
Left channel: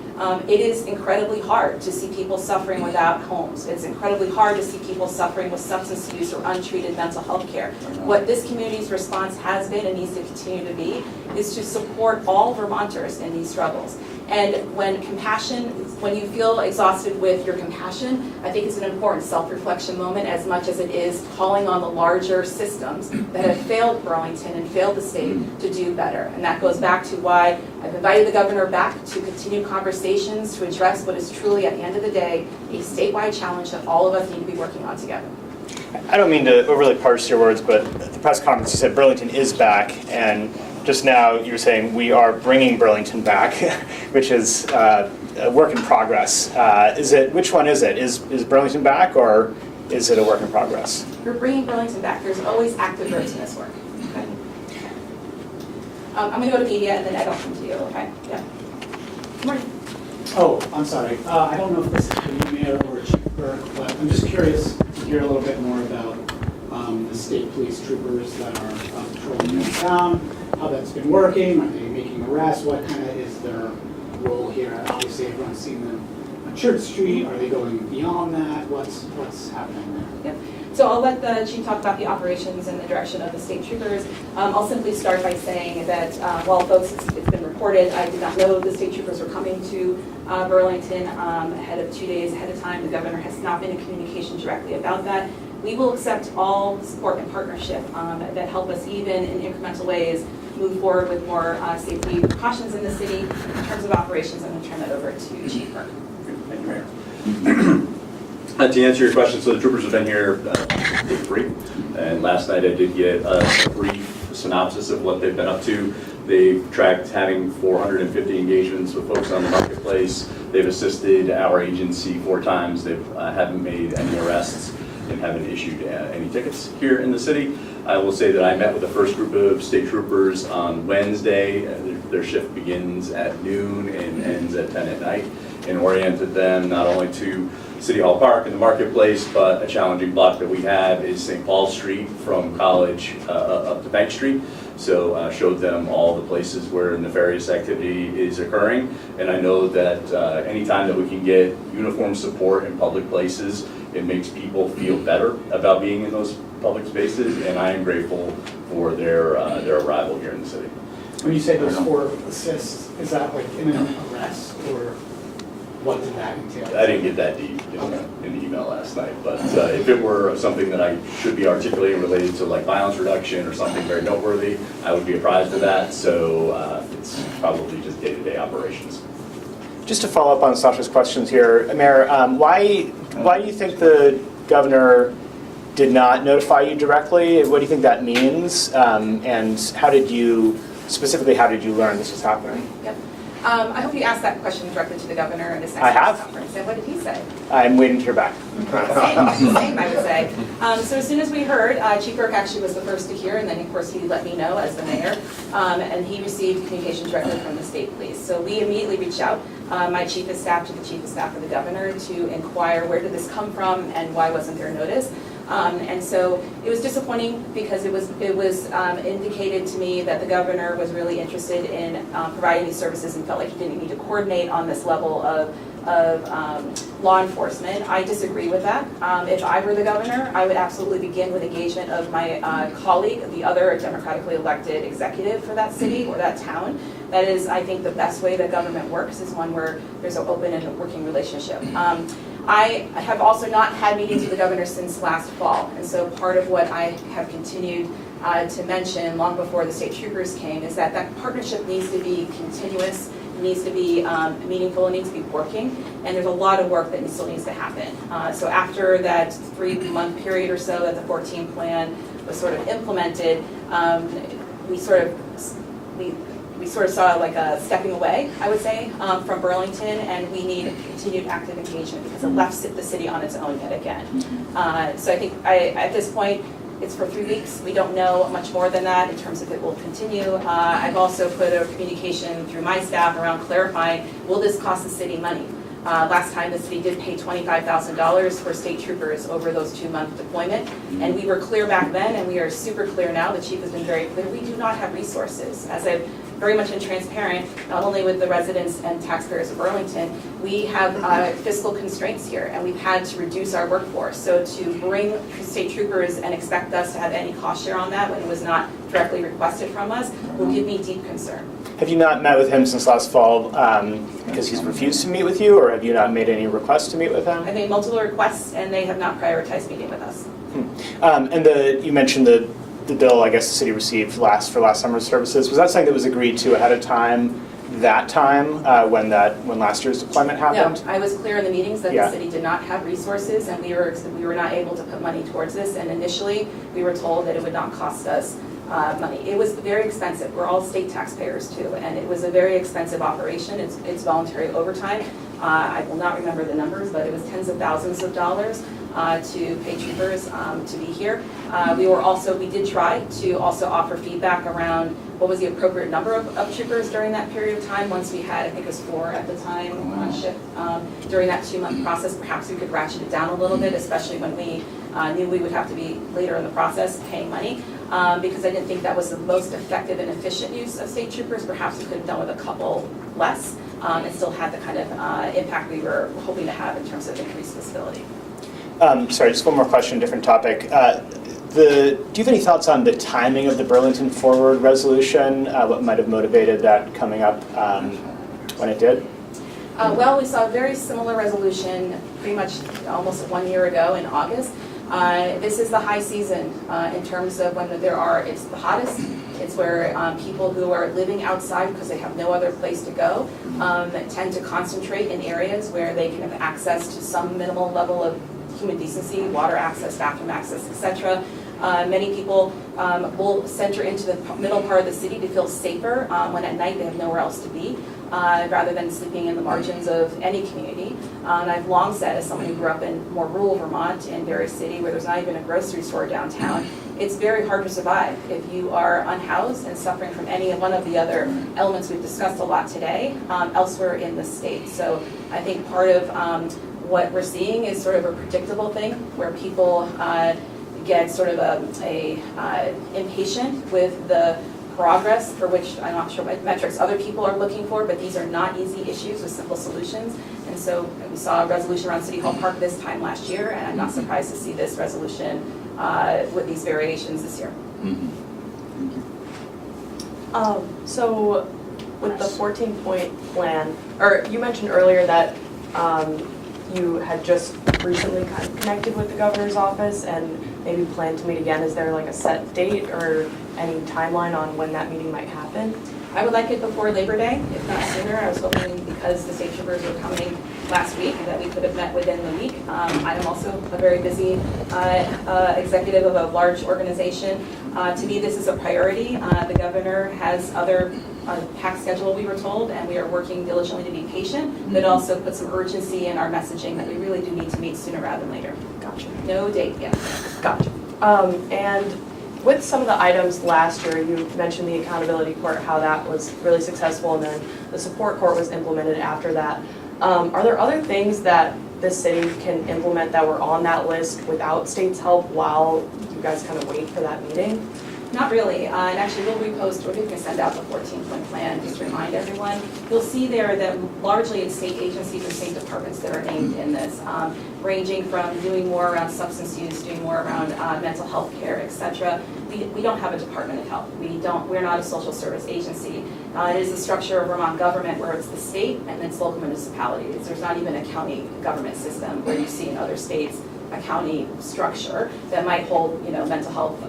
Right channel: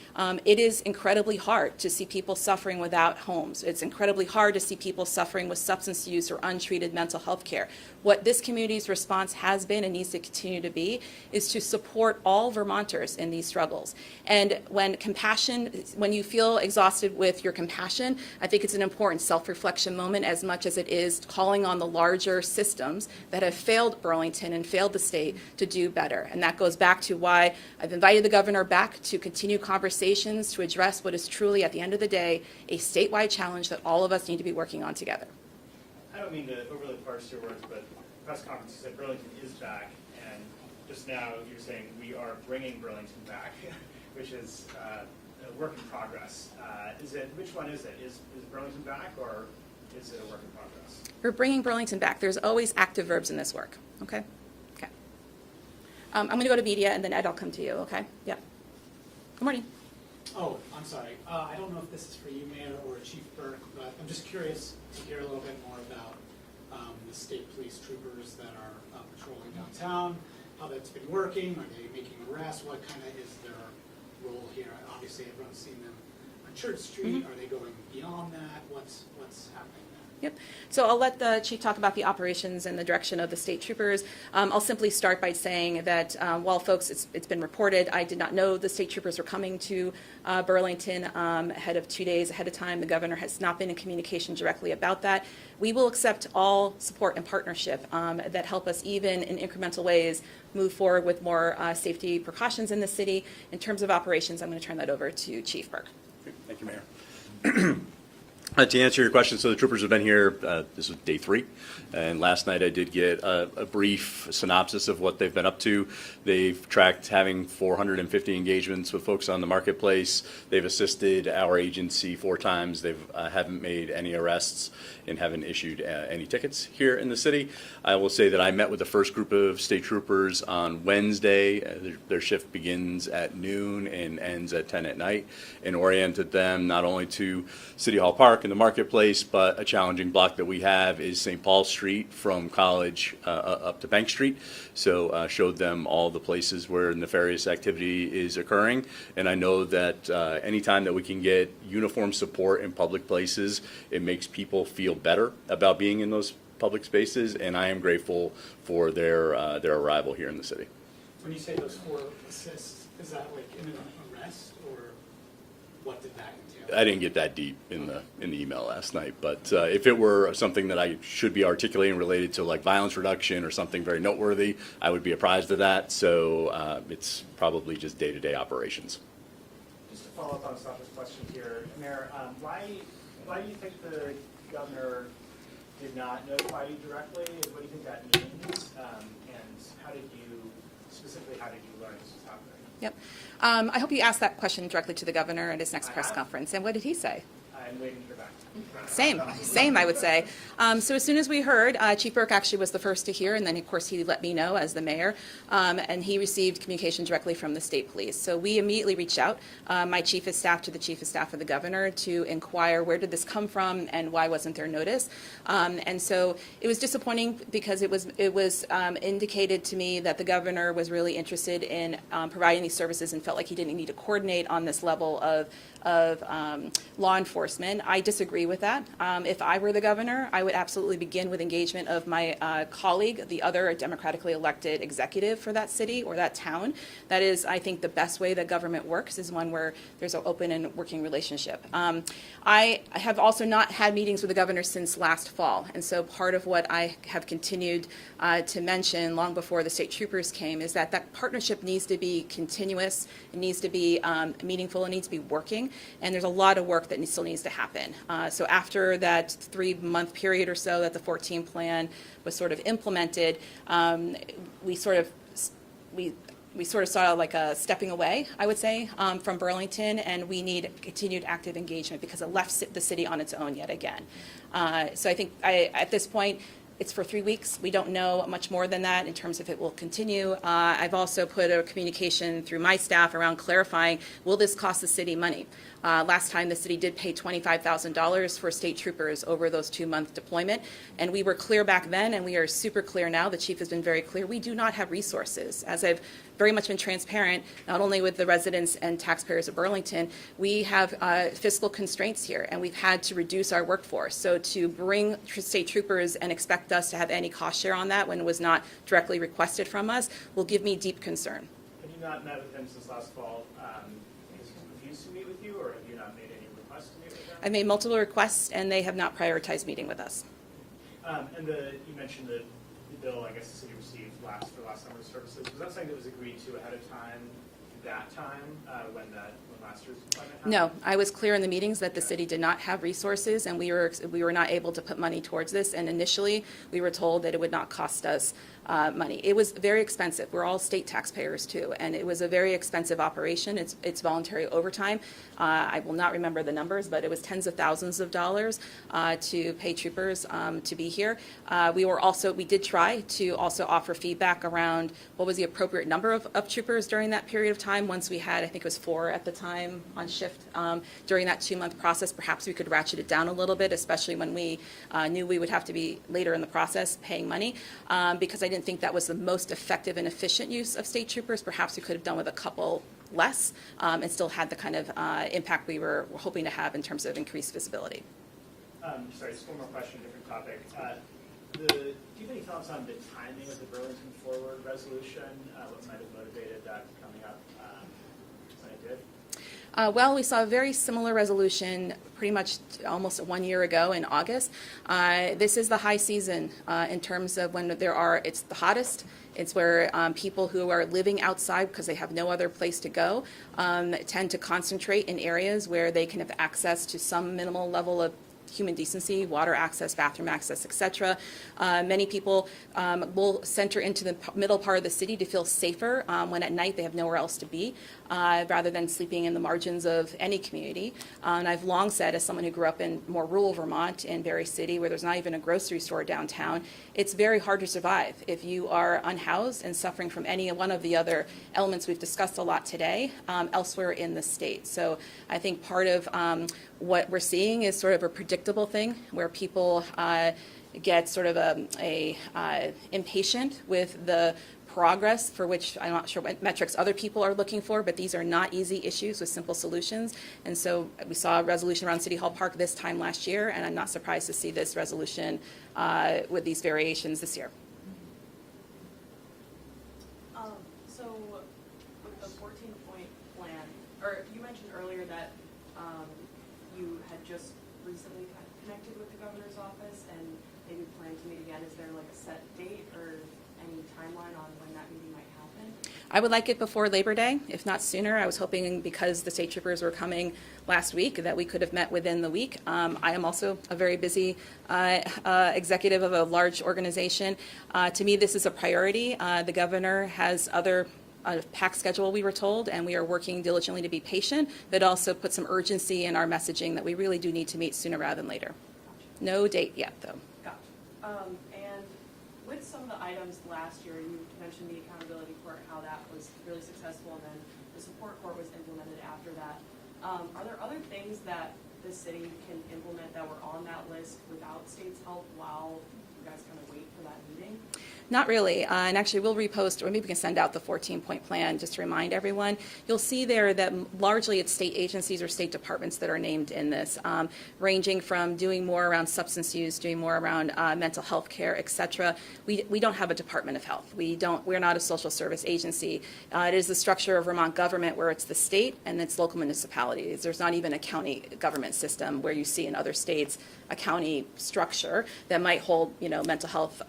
It is incredibly hard to see people suffering without homes. It's incredibly hard to see people suffering with substance use or untreated mental health care. What this community's response has been and needs to continue to be is to support all Vermonters in these struggles. And when you feel exhausted with your compassion, I think it's an important self-reflection moment as much as it is calling on the larger systems that have failed Burlington and failed the state to do better. And that goes back to why I've invited the governor back to continue conversations to address what is truly, at the end of the day, a statewide challenge that all of us need to be working on together. I don't mean to overly parse your words, but at the press conference you said Burlington is back, and just now you were saying we are bringing Burlington back, which is a work in progress. Which one is it? Is Burlington back, or is it a work in progress? We're bringing Burlington back. There's always active verbs in this work. Okay. I'm going to go to media and then Ed will come to you. Okay. Yeah. Good morning. Oh, I'm sorry. I don't know if this is the mayor or Chief Burke, but I'm just curious to hear a little bit more about the state police troopers that are patrolling the town, how that's been working. Are they making arrests? What kind of is their role here? Obviously, everyone's seen them on Church Street. Are they going beyond that? What's happening there? Yep. So I'll let the chief talk about the operations and the direction of the state troopers. I'll simply start by saying that while folks, it's been reported, I did not know the state troopers were coming to Burlington ahead of 2 days ahead of time. The governor has not been in communication directly about that. We will accept all support and partnership that help us even in incremental ways move forward with more safety precautions in the city. In terms of operations, I'm going to turn that over to Chief Burke. Thank you, Mayor. To answer your question, so the troopers have been here day 3, and last night I did get a brief synopsis of what they've been up to. They've tracked having 450 engagements with folks on the marketplace. They've assisted our agency 4 times. They haven't made any arrests and haven't issued any tickets here in the city. I will say that I met with the first group of state troopers on Wednesday. Their shift begins at noon and ends at 10 at night, and oriented them not only to City Hall Park and the marketplace, but a challenging block that we have is St. Paul Street from College up to Bank Street. So showed them all the places where nefarious activity is occurring. And I know that anytime that we can get uniform support in public places, it makes people feel better about being in those public spaces, and I am grateful for their arrival here in the city. When you say those 4 assists, is that like imminent arrest, or what did that entail? I didn't get that deep in the email last night, but if it were something that I should be articulating related to like violence reduction or something very noteworthy, I would be apprised of that. So it's probably just day-to-day operations. Just to follow up on Sasha's questions here, Mayor, why do you think the governor did not notify you directly? What do you think that means? And how did you learn this was happening? Yep. I hope you asked that question directly to the governor at his next I press have. conference. And what did he say? I'm waiting to hear back. Same, I would say. So as soon as we heard, Chief Burke actually was the first to hear, and then of course he let me know as the mayor, and he received communication directly from the state police. So we immediately reached out, my chief of staff to the chief of staff of the governor, to inquire where did this come from and why wasn't there notice. And so it was disappointing because it was indicated to me that the governor was really interested in providing these services and felt like he didn't need to coordinate on this level of law enforcement. I disagree with that. If I were the governor, I would absolutely begin with engagement of my colleague, the other democratically elected executive for that city or that town. That is, I think, the best way that government works is one where there's an open and working relationship. I have also not had meetings with the governor since last fall, and so part of what I have continued to mention long before the state troopers came is that that partnership needs to be continuous, needs to be meaningful, it needs to be working, and there's a lot of work that still needs to happen. So after that 3-month period or so that the 14 plan was sort of implemented, we sort of saw like a stepping away, I would say, from Burlington, and we need continued active engagement because it left the city on its own yet again. So I think at this point, it's for 3 weeks. We don't know much more than that in terms of it will continue. I've also put a communication through my staff around clarifying, will this cost the city money? Last time the city did pay $25,000 for state troopers over those 2-month deployment, and we were clear back then, and we are super clear now. The chief has been very clear. We do not have resources. As I've very much been transparent, not only with the residents and taxpayers of Burlington, we have fiscal constraints here, and we've had to reduce our workforce. So to bring state troopers and expect us to have any cost share on that when it was not directly requested from us will give me deep concern. Have you not met with him since last fall because he's refused to meet with you, or have you not made any requests to meet with him? I made multiple requests, and they have not prioritized meeting with us. And you mentioned the bill, I guess, the city received for last summer's services. Was that something that was agreed to ahead of time, when last year's deployment happened? No, I was clear in the meetings that the city did not have resources, and we were not able to put money towards this, and initially we were told that it would not cost us money. It was very expensive. We're all state taxpayers too, and it was a very expensive operation. It's voluntary overtime. I will not remember the numbers, but it was tens of thousands of dollars to pay troopers to be here. We did try to also offer feedback around what was the appropriate number of troopers during that period of time. Once we had, I think it was 4 at the time on shift during that 2-month process. Perhaps we could ratchet it down a little bit, especially when we knew we would have to be later in the process paying money, because I didn't think that was the most effective and efficient use of state troopers. Perhaps we could have done with a couple less and still had the kind of impact we were hoping to have in terms of increased visibility. Sorry, just one more question, different topic. Do you have any thoughts on the timing of the Burlington Forward resolution? What might have motivated that coming up when it did? Well, we saw a very similar resolution pretty much almost 1 year ago in August. This is the high season in terms of when it's the hottest. It's where people who are living outside because they have no other place to go tend to concentrate in areas where they can have access to some minimal level of human decency, water access, bathroom access, etc. Many people will center into the middle part of the city to feel safer when at night they have nowhere else to be, rather than sleeping in the margins of any community. And I've long said, as someone who grew up in more rural Vermont, in Berry City, where there's not even a grocery store downtown, it's very hard to survive if you are unhoused and suffering from any one of the other elements we've discussed a lot today elsewhere in the state. So I think part of what we're seeing is sort of a predictable thing where people get sort of impatient with the progress for which I'm not sure what metrics other people are looking for, but these are not easy issues with simple solutions. And so we saw a resolution around City Hall Park this time last year, and I'm not surprised to see this resolution with these variations this year. So with the 14-point plan, or you mentioned earlier that you had just recently kind of connected with the governor's office and maybe plan to meet again. Is there like a set date or any timeline on when that meeting might happen? I would like it before Labor Day, if not sooner. I was hoping, because the state troopers were coming last week, that we could have met within the week. I am also a very busy executive of a large organization. To me, this is a priority. The governor has other a packed schedule, we were told, and we are working diligently to be patient, but also put some urgency in our messaging that we really do need to meet sooner rather than later. Gotcha. No date yet. Gotcha. And with some of the items last year, you mentioned the accountability court, how that was really successful, and then the support court was implemented after that. Are there other things that the city can implement that were on that list without state's help while you guys kind of wait for that meeting? Not really, and actually we'll repost, maybe we can send out the 14-point plan, just to remind everyone. You'll see there that largely it's state agencies or state departments that are named in this, ranging from doing more around substance use, doing more around mental health care, et cetera. We don't have a Department of Health. We're not a social service agency. It is the structure of Vermont government where it's the state and it's local municipalities. There's not even a county government system where you see in other states a county structure that might hold, mental health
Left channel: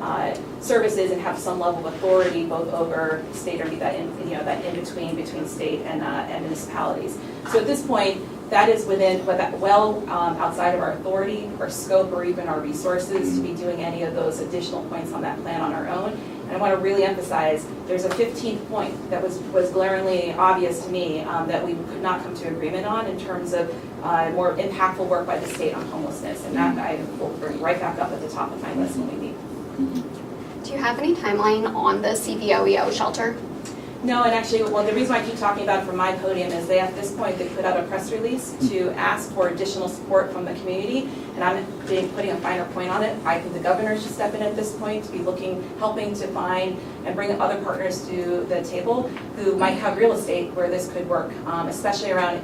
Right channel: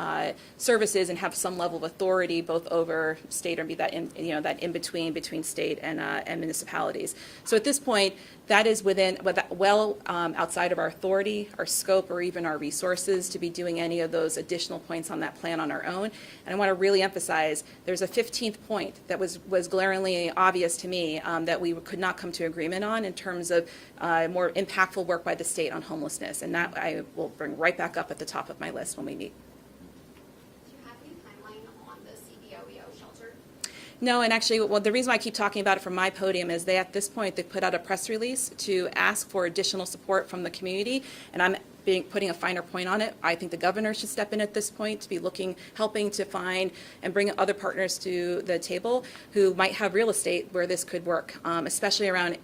services and have some level of authority both over state or that in between state and municipalities. So at this point, that is within, outside of our authority, our scope, or even our resources to be doing any of those additional points on that plan on our own. And I want to really emphasize, there's a 15th point that was glaringly obvious to me that we could not come to agreement on in terms of more impactful work by the state on homelessness. And that I will bring right back up at the top of my list when we meet. Do you have any timeline on the CVOEO shelter? No, and actually, the reason why I keep talking about it from my podium is at this point, they put out a press release to ask for additional support from the community, and I'm putting a finer point on it. I think the governor should step in at this point to be helping to find and bring other partners to the table who might have real estate where this could work, especially around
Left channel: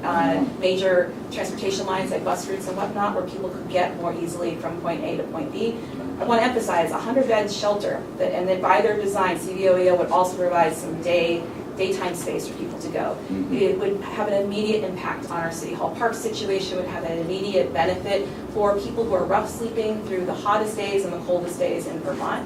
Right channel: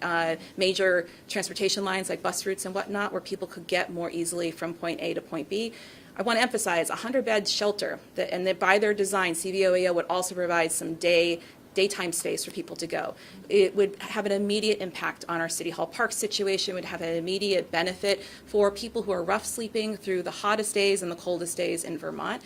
major transportation lines like bus routes and whatnot, where people could get more easily from point A to point B. I want to emphasize 100-bed shelter, and then by their design, CVOEO would also provide some daytime space for people to go. It would have an immediate impact on our City Hall Park situation, would have an immediate benefit for people who are rough sleeping through the hottest days and the coldest days in Vermont.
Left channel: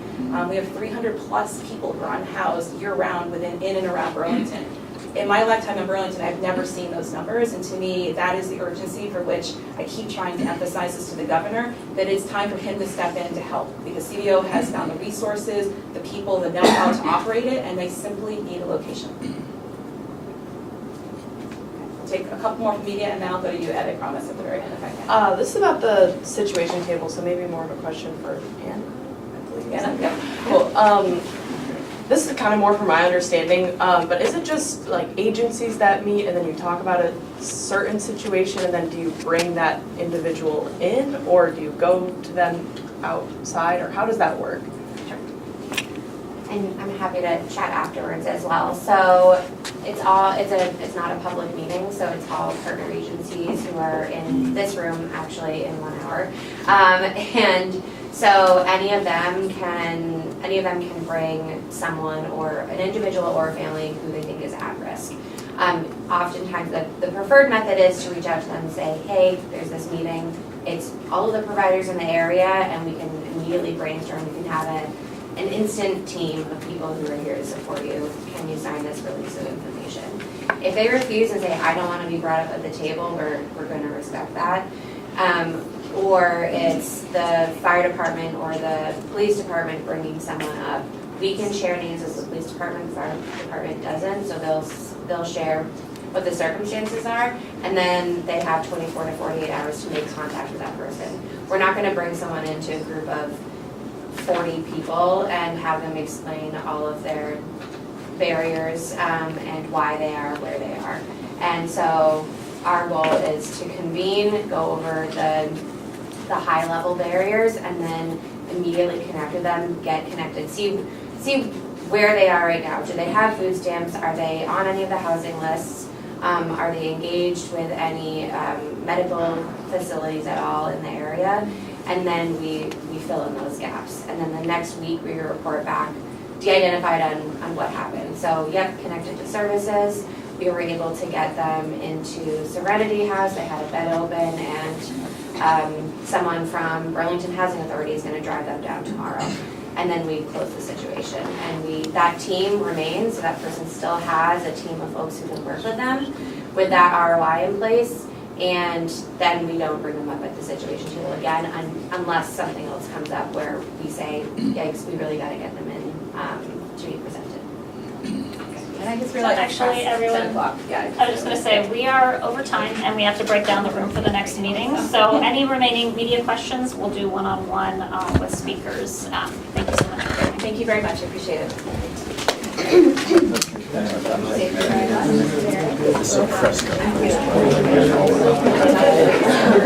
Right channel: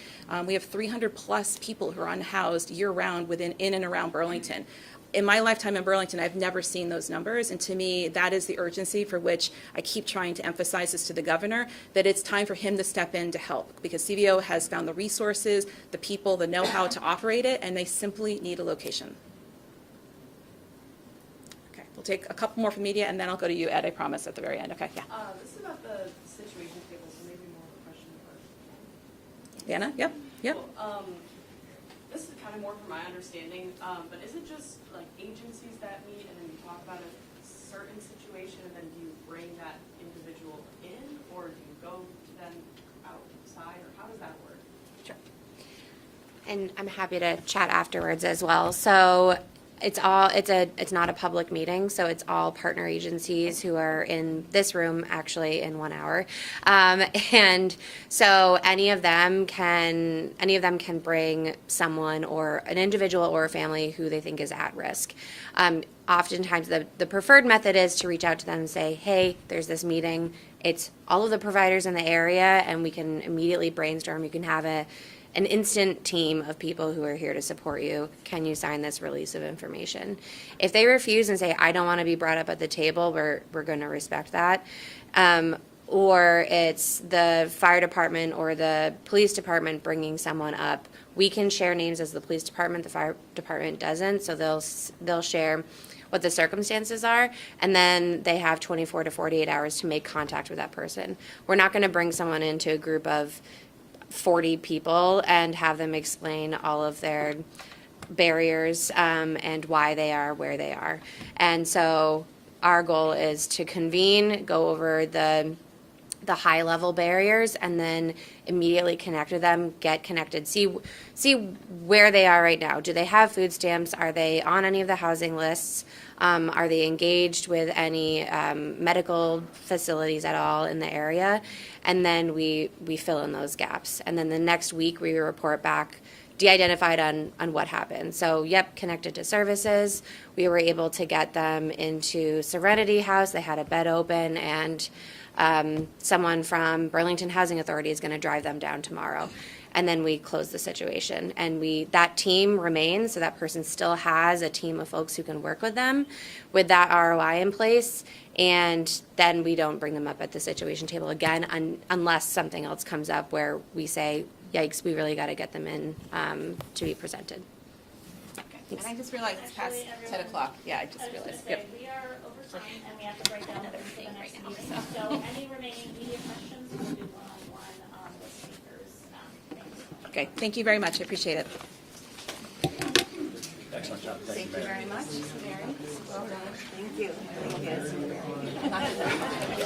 We have 300 plus people who are unhoused year-round in and around Burlington. In my lifetime in Burlington, I've never seen those numbers, and to me, that is the urgency for which I keep trying to emphasize this to the governor, that it's time for him to step in to help, because CVO has found the resources, the people, the know-how to operate it, and they simply need a location. We'll take a couple more from media, and then I'll go to you, Ed, I promise, at the very end, okay? This is about the situation table, so maybe more of a question for Ann. Anna, yep. Cool. This is kind of more from my understanding, but is it just like agencies that meet and then you talk about a certain situation and then do you bring that individual in, or do you go to them outside, or how does that work? And I'm happy to chat afterwards as well. So it's not a public meeting, so it's all partner agencies who are in this room actually in 1 hour. And so any of them can bring someone, or an individual or a family who they think is at risk. Oftentimes the preferred method is to reach out to them and say, hey, there's this meeting. It's all of the providers in the area, and we can immediately brainstorm. We can have an instant team of people who are here to support you. Can you sign this release of information? If they refuse and say, I don't want to be brought up at the table, we're going to respect that. Or it's the fire department or the police department bringing someone up. We can share names as the police department, the fire department doesn't, so they'll share what the circumstances are, and then they have 24 to 48 hours to make contact with that person. We're not going to bring someone into a group of 40 people and have them explain all of their barriers and why they are where they are. And so our goal is to convene, go over the high level barriers, and then immediately connect with them, get connected, see where they are right now. Do they have food stamps? Are they on any of the housing lists? Are they engaged with any medical facilities at all in the area? And then we fill in those gaps. And then the next week we report back, de-identified on what happened. So yep, connected to services. We were able to get them into Serenity House. They had a bed open, and someone from Burlington Housing Authority is going to drive them down tomorrow. And then we close the situation. And that team remains, so that person still has a team of folks who can work with them with that ROI in place. And then we don't bring them up at the situation table again unless something else comes up where we say, yikes, we really got to get them in to be presented. And I just realized it's Actually, past everyone- 10 o'clock. Yeah. I was just gonna say, we are over time and we have to break down the room for the next meeting. So any remaining media questions, we'll do one-on-one with speakers. Thank you so much. Thank you very much, I appreciate it. This is a press conference.